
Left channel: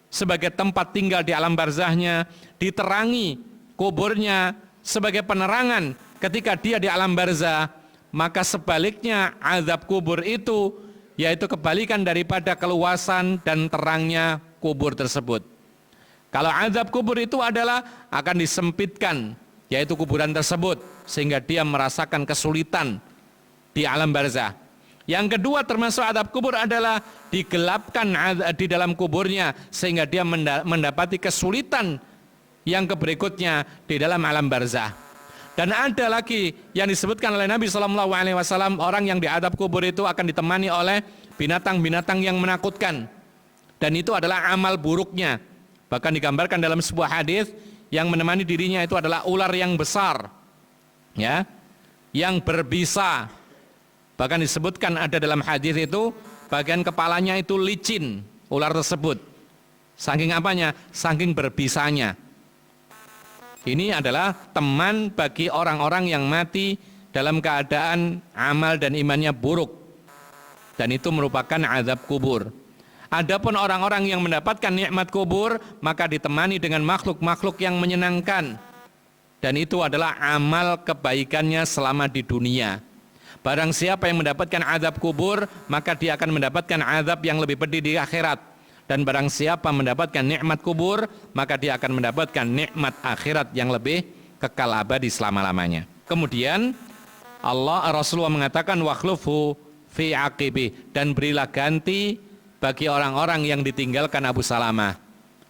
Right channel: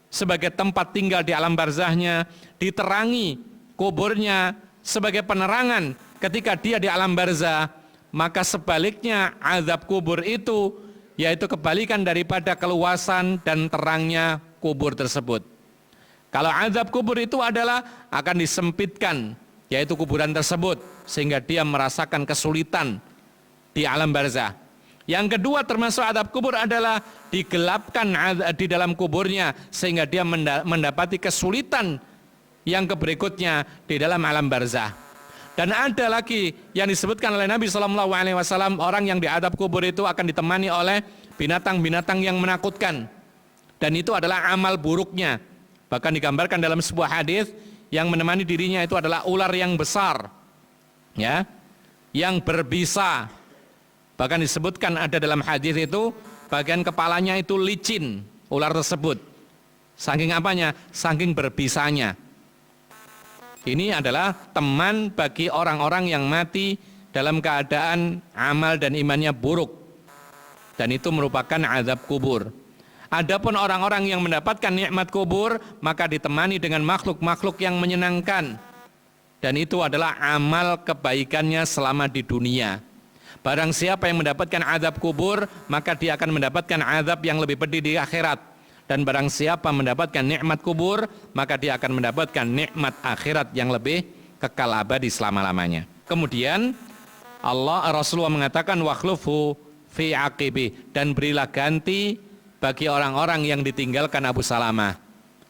sebagai tempat tinggal di alam barzahnya, diterangi kuburnya sebagai penerangan ketika dia di alam barzah, maka sebaliknya azab kubur itu yaitu kebalikan daripada keluasan dan terangnya kubur tersebut. Kalau azab kubur itu adalah akan disempitkan, yaitu kuburan tersebut, sehingga dia merasakan kesulitan di alam barzah. Yang kedua termasuk azab kubur adalah digelapkan di dalam kuburnya, sehingga dia mendapati kesulitan yang berikutnya di dalam alam barzah. Dan ada lagi yang disebutkan oleh Nabi SAW, orang yang diazab kubur itu akan ditemani oleh binatang-binatang yang menakutkan, dan itu adalah amal buruknya. Bahkan digambarkan dalam sebuah hadis yang menemani dirinya itu adalah ular yang besar, ya, yang berbisa. Bahkan disebutkan ada dalam hadis itu bagian kepalanya itu licin, ular tersebut. Saking apanya? Saking berbisanya. Ini adalah teman bagi orang-orang yang mati dalam keadaan amal dan imannya buruk, dan itu merupakan azab kubur. Adapun orang-orang yang mendapatkan nikmat kubur, maka ditemani dengan makhluk-makhluk yang menyenangkan, dan itu adalah amal kebaikannya selama di dunia. Barang siapa yang mendapatkan azab kubur, maka dia akan mendapatkan azab yang lebih pedih di akhirat. Dan barang siapa mendapatkan nikmat kubur, maka dia akan mendapatkan nikmat akhirat yang lebih kekal abadi selama-lamanya. Kemudian Rasulullah mengatakan wakhlufu fi aqibi, dan berilah ganti bagi orang-orang yang ditinggalkan Abu Salamah.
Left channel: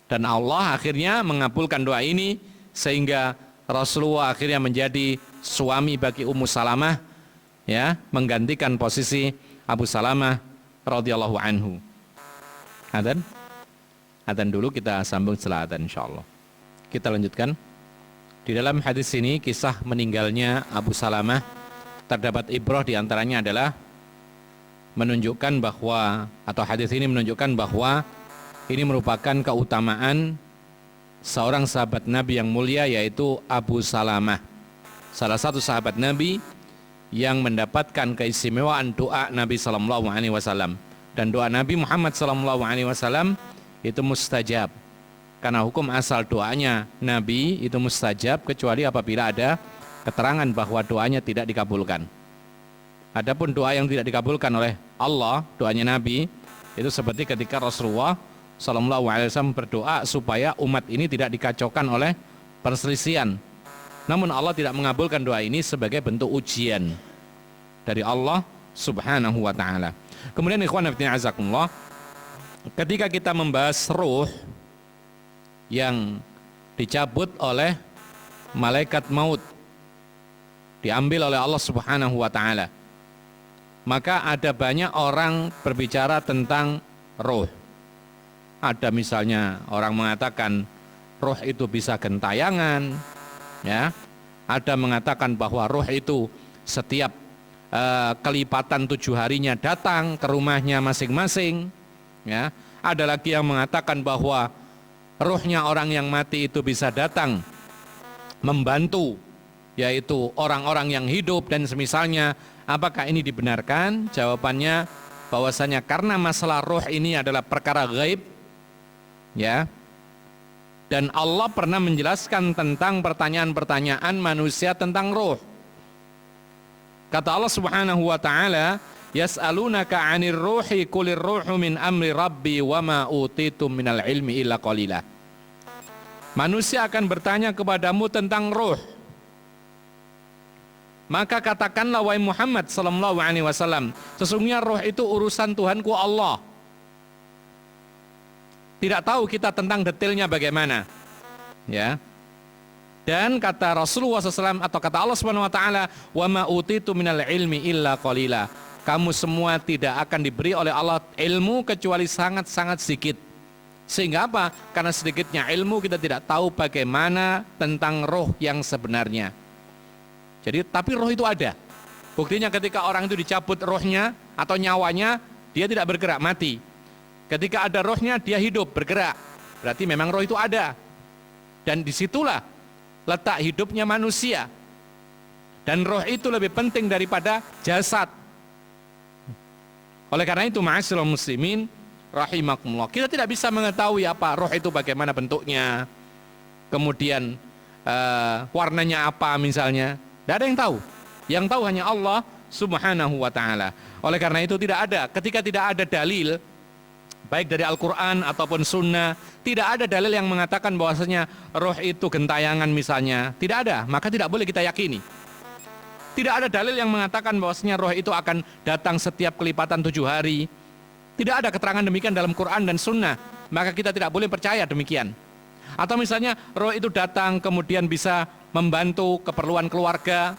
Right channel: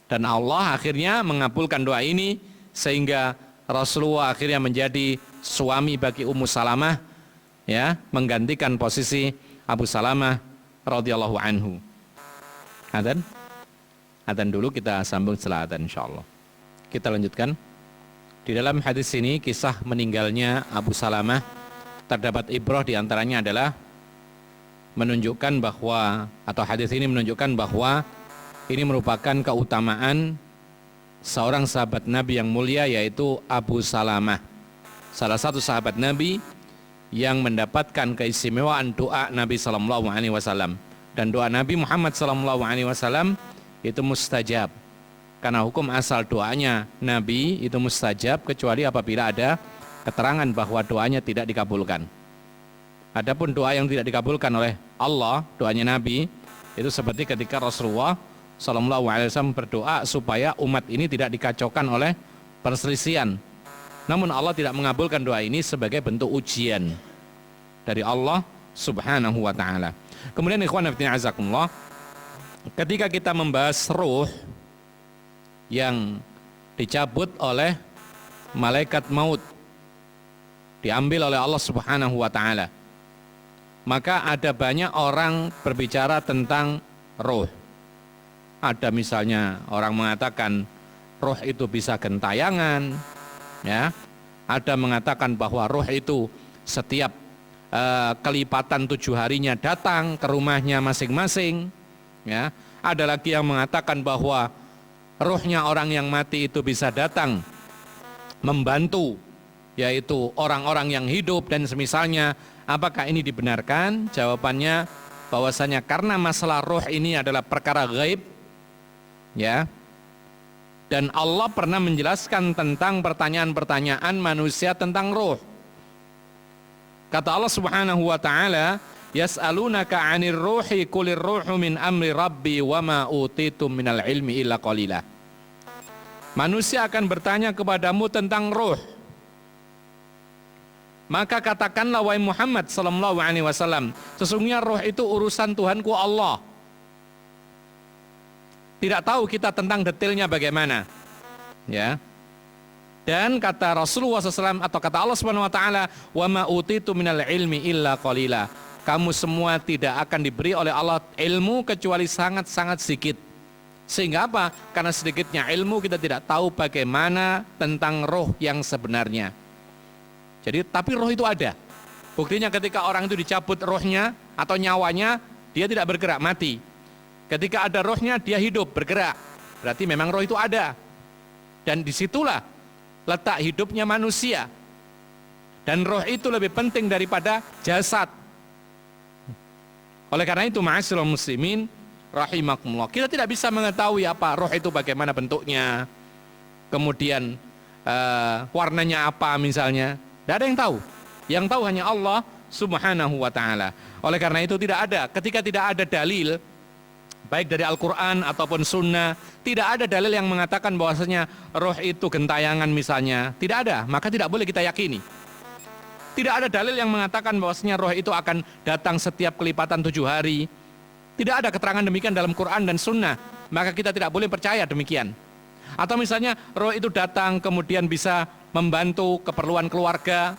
Dan Allah akhirnya mengabulkan doa ini, sehingga Rasulullah akhirnya menjadi suami bagi Ummu Salamah, ya, menggantikan posisi Abu Salamah radhiyallahu anhu. Adzan dulu, kita sambung setelah adzan insyaallah. Kita lanjutkan. Di dalam hadis ini kisah meninggalnya Abu Salamah terdapat ibrah, diantaranya adalah menunjukkan bahwa, atau hadis ini menunjukkan bahwa ini merupakan keutamaan seorang sahabat Nabi yang mulia, yaitu Abu Salamah, salah satu sahabat Nabi yang mendapatkan keistimewaan doa Nabi Sallallahu Alaihi Wasallam. Dan doa Nabi Muhammad Sallallahu Alaihi Wasallam itu mustajab, karena hukum asal doanya Nabi itu mustajab kecuali apabila ada keterangan bahwa doanya tidak dikabulkan. Adapun doa yang tidak dikabulkan oleh Allah, doanya Nabi, itu seperti ketika Rasulullah SAW berdoa supaya umat ini tidak dikacaukan oleh perselisihan. Namun Allah tidak mengabulkan doa ini sebagai bentuk ujian dari Allah Subhanahu wa ta'ala. Kemudian ikhwan fillah azakumullah, ketika kita membahas ruh yang dicabut oleh malaikat maut, diambil oleh Allah Subhanahu wa ta'ala, maka ada banyak orang berbicara tentang roh. Ada misalnya orang mengatakan roh itu bisa gentayangan, ya. Ada mengatakan bahwa roh itu setiap kelipatan 7 harinya datang ke rumahnya masing-masing, ya. Ada lagi yang mengatakan bahwa rohnya orang yang mati itu bisa datang membantu, yaitu orang-orang yang hidup dan semisalnya. Apakah ini dibenarkan? Jawabannya bahwasanya karena masalah roh ini adalah perkara gaib, ya. Dan Allah pernah menjelaskan tentang pertanyaan-pertanyaan manusia tentang roh. Kata Allah Subhanahu wa taala, "Yas'alunaka 'anir ruhi qulir ruhu min amri rabbi wa ma utitum minal ilmi illa qalila." Manusia akan bertanya kepadamu tentang roh. Maka katakanlah wahai Muhammad sallallahu alaihi wasallam, sesungguhnya roh itu urusan Tuhanku Allah. Tidak tahu kita tentang detailnya bagaimana, ya. Dan kata Rasulullah SAW atau kata Allah Subhanahu Wa Taala, wa ma utitu minal ilmi illa qalila. Kamu semua tidak akan diberi oleh Allah ilmu kecuali sangat-sangat sedikit. Sehingga apa? Karena sedikitnya ilmu kita tidak tahu bagaimana tentang roh yang sebenarnya. Jadi tapi roh itu ada. Buktinya ketika orang itu dicabut rohnya atau nyawanya, dia tidak bergerak, mati. Ketika ada rohnya dia hidup, bergerak. Berarti memang roh itu ada. Dan disitulah letak hidupnya manusia. Dan roh itu lebih penting daripada jasad. Oleh karena itu ma'asyiral muslimin rahimakumullah, kita tidak bisa mengetahui apa roh itu bagaimana bentuknya, kemudian warnanya apa misalnya. Tidak ada yang tahu. Yang tahu hanya Allah Subhanahu wa ta'ala. Oleh karena itu tidak ada, ketika tidak ada dalil baik dari Al-Quran ataupun Sunnah, tidak ada dalil yang mengatakan bahwasanya roh itu gentayangan misalnya, tidak ada, maka tidak boleh kita yakini. Tidak ada dalil yang mengatakan bahwasanya roh itu akan datang setiap kelipatan 7 hari. Tidak ada keterangan demikian dalam Quran dan Sunnah, maka kita tidak boleh percaya demikian. Atau misalnya roh itu datang kemudian bisa membantu keperluan keluarga,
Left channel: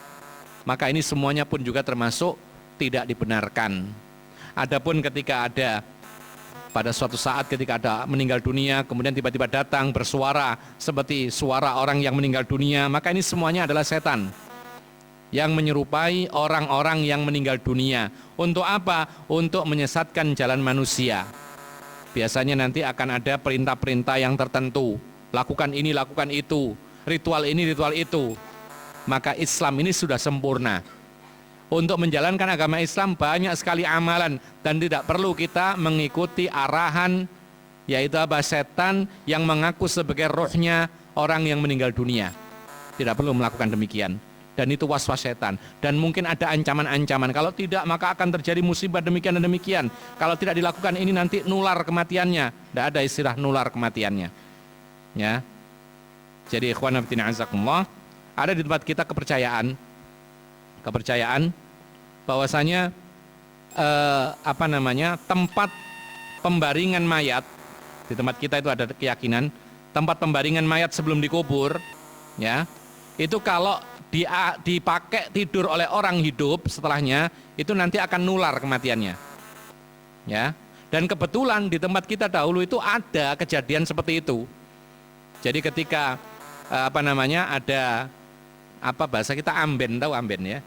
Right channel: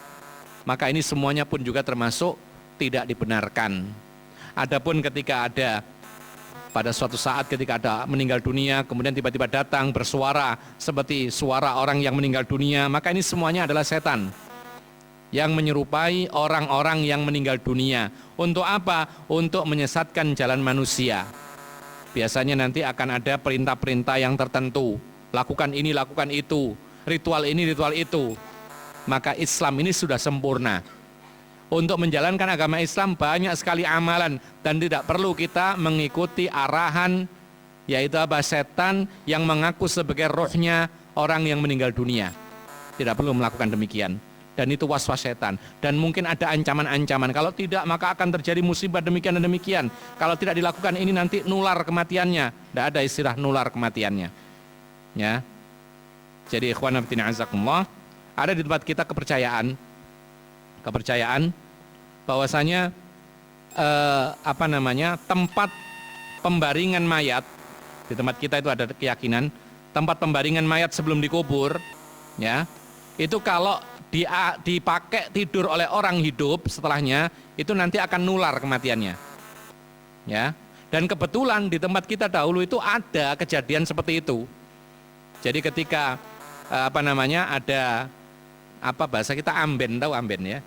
maka ini semuanya pun juga termasuk tidak dibenarkan. Adapun ketika ada pada suatu saat ketika ada meninggal dunia, kemudian tiba-tiba datang bersuara seperti suara orang yang meninggal dunia, maka ini semuanya adalah setan yang menyerupai orang-orang yang meninggal dunia. Untuk apa? Untuk menyesatkan jalan manusia. Biasanya nanti akan ada perintah-perintah yang tertentu, lakukan ini, lakukan itu, ritual ini, ritual itu. Maka Islam ini sudah sempurna. Untuk menjalankan agama Islam banyak sekali amalan dan tidak perlu kita mengikuti arahan, yaitu apa, setan yang mengaku sebagai rohnya orang yang meninggal dunia. Tidak perlu melakukan demikian. Dan itu was-was setan. Dan mungkin ada ancaman-ancaman. Kalau tidak maka akan terjadi musibah demikian dan demikian. Kalau tidak dilakukan ini nanti nular kematiannya. Tidak ada istilah nular kematiannya. Ya. Jadi ikhwan fillah azakumullah, ada di tempat kita kepercayaan bahwasanya tempat pembaringan mayat. Di tempat kita itu ada keyakinan tempat pembaringan mayat sebelum dikubur, ya, itu kalau dipakai tidur oleh orang hidup setelahnya, itu nanti akan nular kematiannya, ya. Dan kebetulan di tempat kita dahulu itu ada kejadian seperti itu. Jadi ketika ada bahasa kita amben, tahu amben ya?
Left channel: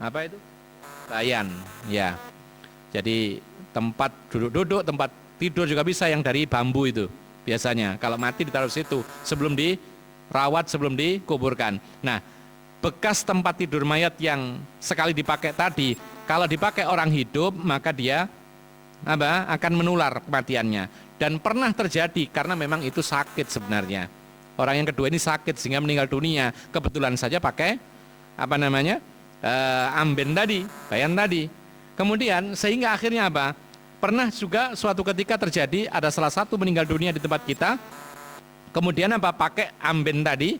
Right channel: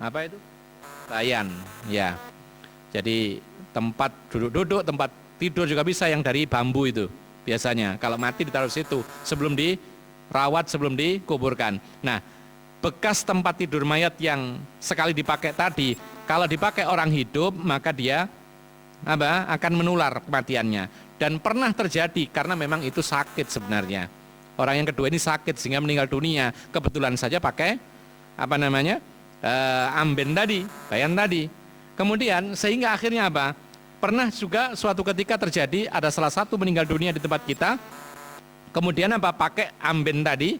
Apa itu? Bayan, ya. Jadi tempat duduk-duduk, tempat tidur juga bisa yang dari bambu itu. Biasanya kalau mati ditaruh situ sebelum dirawat, sebelum dikuburkan. Nah, bekas tempat tidur mayat yang sekali dipakai tadi, kalau dipakai orang hidup maka dia akan menular kematiannya. Dan pernah terjadi karena memang itu sakit sebenarnya. Orang yang kedua ini sakit sehingga meninggal dunia. Kebetulan saja pakai amben tadi, bayan tadi. Kemudian sehingga akhirnya apa? Pernah juga suatu ketika terjadi ada salah satu meninggal dunia di tempat kita. Kemudian pakai amben tadi.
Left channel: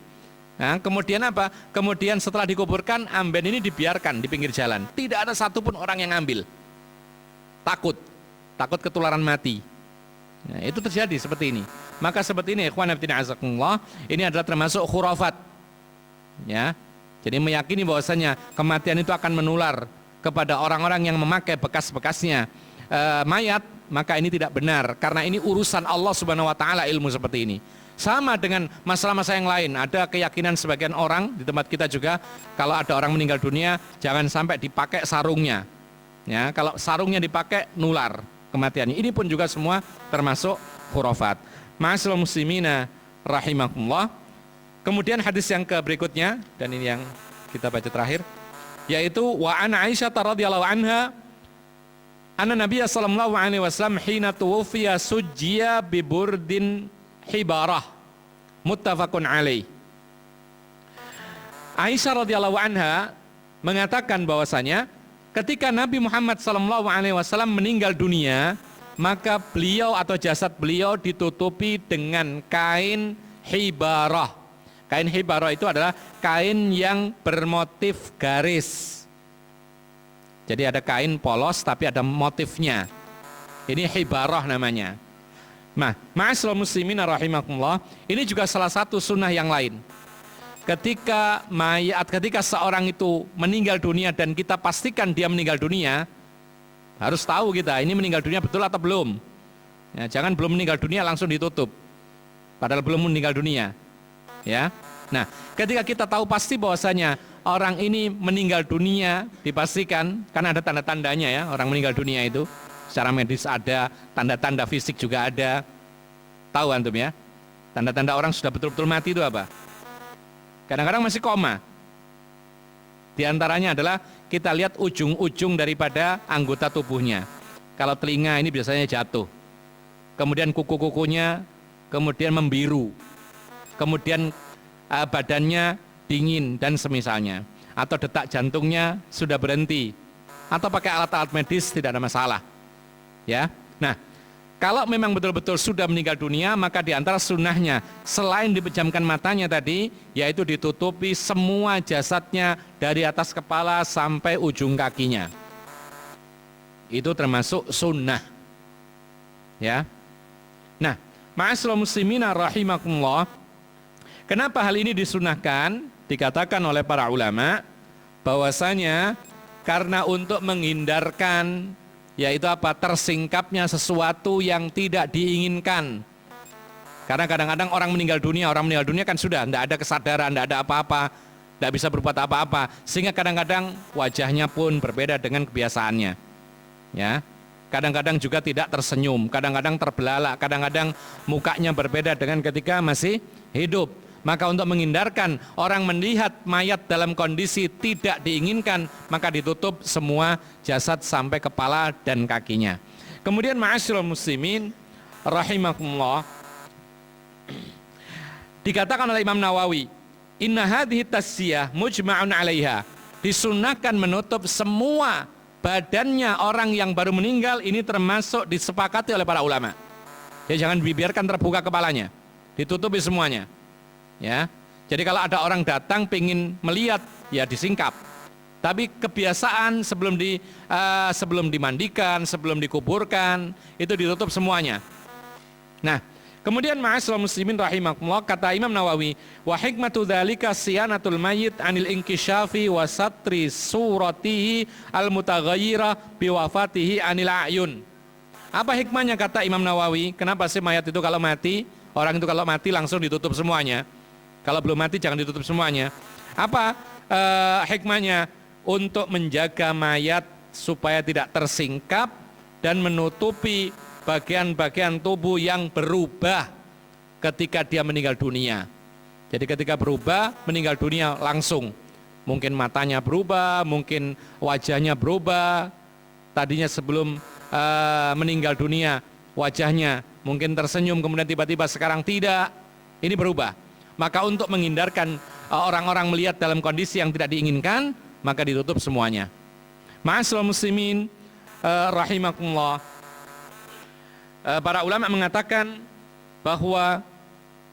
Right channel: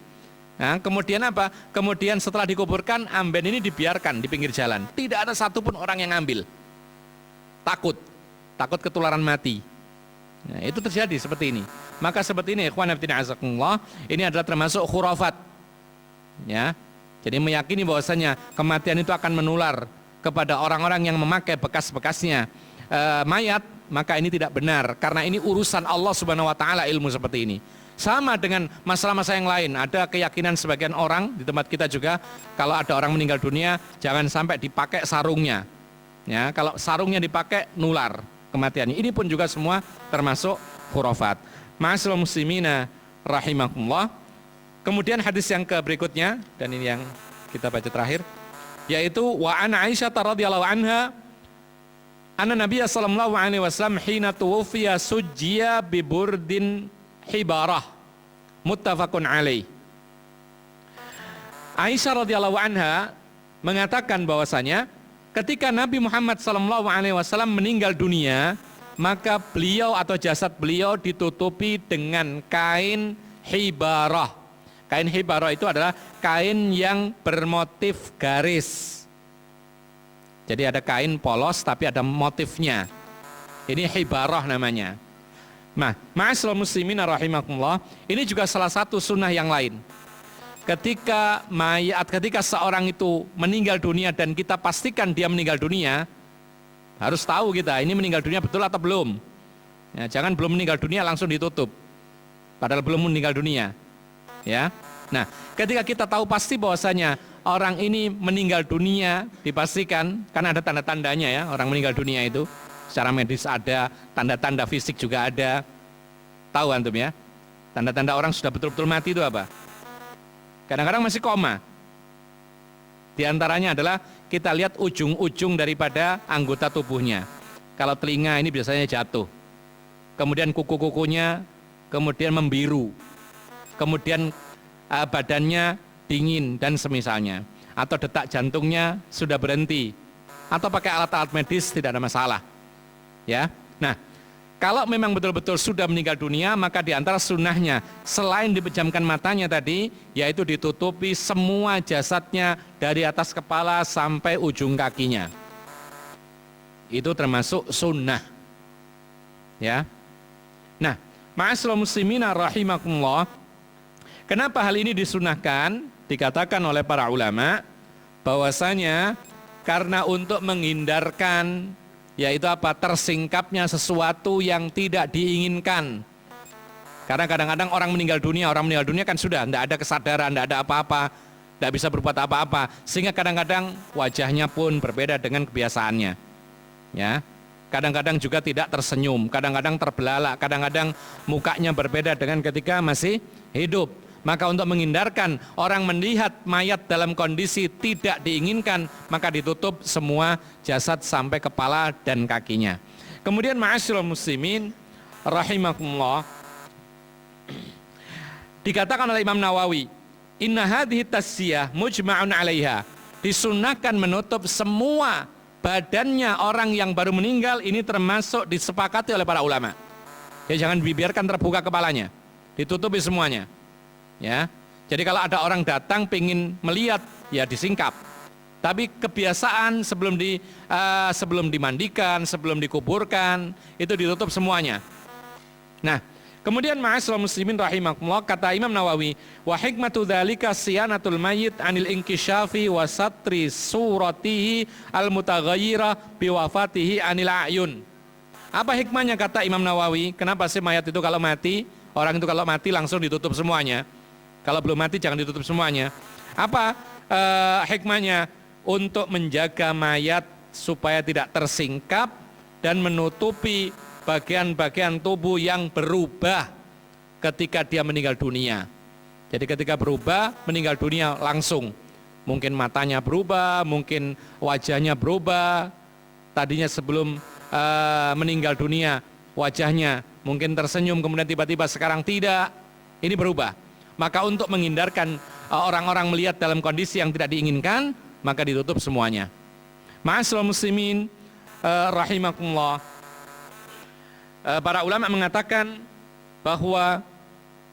Nah, kemudian Kemudian setelah dikuburkan amben ini dibiarkan di pinggir jalan. Tidak ada satupun orang yang ngambil. Takut ketularan mati. Nah, itu terjadi seperti ini. Maka seperti ini ikhwan fillah azakumullah, ini adalah termasuk khurafat. Ya. Jadi meyakini bahwasanya kematian itu akan menular kepada orang-orang yang memakai bekas-bekasnya mayat, maka ini tidak benar, karena ini urusan Allah Subhanahu wa taala ilmu seperti ini. Sama dengan masalah-masalah yang lain, ada keyakinan sebagian orang di tempat kita juga, kalau ada orang meninggal dunia jangan sampai dipakai sarungnya. Ya, kalau sarungnya dipakai nular kematiannya. Ini pun juga semua termasuk khurafat. Ma'asyiral muslimina rahimakumullah. Kemudian hadis yang berikutnya, dan ini yang kita baca terakhir, yaitu wa an Aisyah radhiyallahu anha anna Nabiya sallallahu alaihi wasallam hina tuwfiya sujjiya bi burdin hibarah muttafaqun alaih. Aisyah radhiyallahu anha mengatakan bahwasanya ketika Nabi Muhammad sallallahu alaihi wasallam meninggal dunia, maka beliau atau jasad beliau ditutupi dengan kain hibarah. Kain hibarah itu adalah kain yang bermotif garis. Jadi ada kain polos tapi ada motifnya. Ini hibarah namanya. Nah, ma'asyiral muslimin rahimakumullah, ini juga salah satu sunnah yang lain. Ketika seorang itu meninggal dunia dan kita pastikan dia meninggal dunia, harus tahu kita ini meninggal dunia betul atau belum. Ya, jangan belum meninggal dunia langsung ditutup, padahal belum meninggal dunia. Ya, nah, ketika kita tahu pasti bahwasanya orang ini meninggal dunia, dipastikan, kan ada tanda-tandanya ya, orang meninggal dunia itu secara medis ada, tanda-tanda fisik juga ada. Tahu antum ya, tanda-tanda orang sudah betul-betul mati itu apa? Kadang-kadang masih koma. Di antaranya adalah kita lihat ujung-ujung daripada anggota tubuhnya. Kalau telinga ini biasanya jatuh, kemudian kuku-kukunya kemudian membiru, kemudian badannya dingin dan semisalnya, atau detak jantungnya sudah berhenti, atau pakai alat-alat medis tidak ada masalah. Ya, nah, kalau memang betul-betul sudah meninggal dunia, maka di antara sunnahnya selain dipejamkan matanya tadi, yaitu ditutupi semua jasadnya dari atas kepala sampai ujung kakinya. Itu termasuk sunnah. Ya. Nah, ma'asyiral muslimina rahimakumullah, kenapa hal ini disunahkan? Dikatakan oleh para ulama bahwasanya karena untuk menghindarkan, yaitu apa, tersingkapnya sesuatu yang tidak diinginkan. Karena kadang-kadang orang meninggal dunia kan sudah tidak ada kesadaran, tidak ada apa-apa, tidak bisa berbuat apa-apa, sehingga kadang-kadang wajahnya pun berbeda dengan kebiasaannya. Ya, kadang-kadang juga tidak tersenyum, kadang-kadang terbelalak, kadang-kadang mukanya berbeda dengan ketika masih hidup. Maka untuk menghindarkan orang melihat mayat dalam kondisi tidak diinginkan, maka ditutup semua jasad sampai kepala dan kakinya. Kemudian ma'asyiral muslimin rahimakumullah, dikatakan oleh Imam Nawawi, inna hadhihi tasyiyah mujma'un 'alaiha, disunnahkan menutup semua badannya orang yang baru meninggal, ini termasuk disepakati oleh para ulama. Ya, jangan dibiarkan terbuka kepalanya, ditutupi semuanya. Ya, jadi kalau ada orang datang pengen melihat, ya disingkap. Tapi kebiasaan sebelum dimandikan, sebelum dikuburkan, itu ditutup semuanya. Nah, kemudian ma'asyiral muslimin rahimakumullah, kata Imam Nawawi, wa hikmatu dzalika siyanatul mayyit anil inkisyafi wa satri suratihi al mutaghayyirah bi wafatihi anil ayun. Apa hikmahnya, kata Imam Nawawi? Kenapa sih mayat itu kalau mati, orang itu kalau mati langsung ditutup semuanya? Kalau belum mati jangan ditutup semuanya. Apa hikmahnya? Untuk menjaga mayat supaya tidak tersingkap dan menutupi bagian-bagian tubuh yang berubah ketika dia meninggal dunia. Jadi ketika berubah, meninggal dunia langsung. Mungkin matanya berubah, mungkin wajahnya berubah. Tadinya sebelum meninggal dunia wajahnya mungkin tersenyum, kemudian tiba-tiba sekarang tidak. Ini berubah. Maka untuk menghindarkan orang-orang melihat dalam kondisi yang tidak diinginkan, maka ditutup semuanya. Ma'asyiral muslimin rahimakumullah, para ulama mengatakan bahwa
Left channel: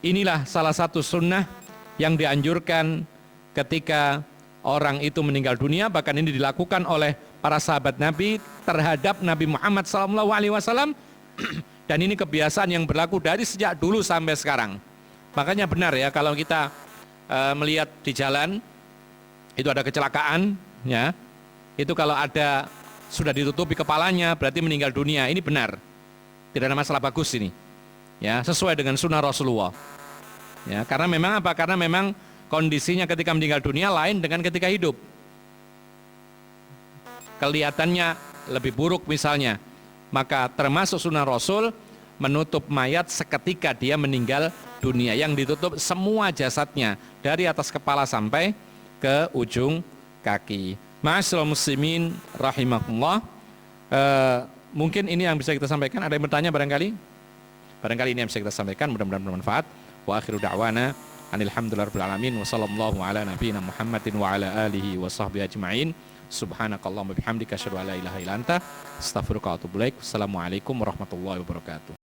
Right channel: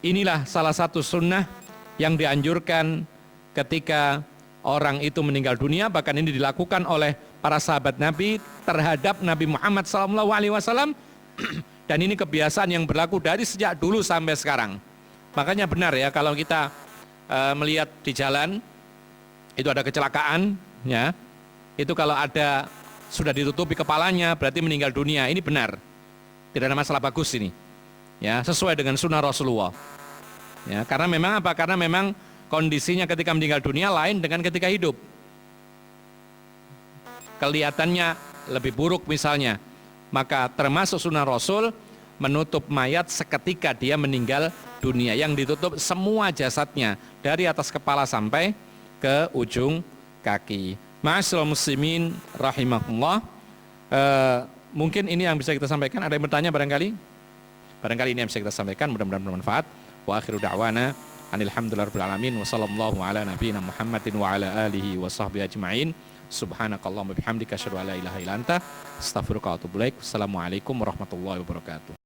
inilah salah satu sunnah yang dianjurkan ketika orang itu meninggal dunia. Bahkan ini dilakukan oleh para sahabat Nabi terhadap Nabi Muhammad SAW, dan ini kebiasaan yang berlaku dari sejak dulu sampai sekarang. Makanya benar ya, kalau kita melihat di jalan itu ada kecelakaan, ya, itu kalau ada sudah ditutupi kepalanya berarti meninggal dunia. Ini benar. Tidak ada masalah, bagus ini. Ya, sesuai dengan sunnah Rasulullah. Ya, karena memang apa? Karena memang kondisinya ketika meninggal dunia lain dengan ketika hidup. Kelihatannya lebih buruk misalnya. Maka termasuk sunnah Rasul menutup mayat seketika dia meninggal dunia, yang ditutup semua jasadnya dari atas kepala sampai ke ujung kaki. Ma'asyiral muslimin rahimakumullah. Mungkin ini yang bisa kita sampaikan. Ada yang bertanya barangkali? Barangkali ini yang bisa kita sampaikan, mudah-mudahan bermanfaat. Wa akhiru da'wana alhamdulillahirabbil alamin wa sallallahu ala nabiyyina Muhammadin wa ala alihi wa sahbihi ajmain. Subhanakallahumma bihamdika asyhadu an la ilaha illa anta astaghfiruka wa atubu ilaik. Assalamualaikum warahmatullahi wabarakatuh.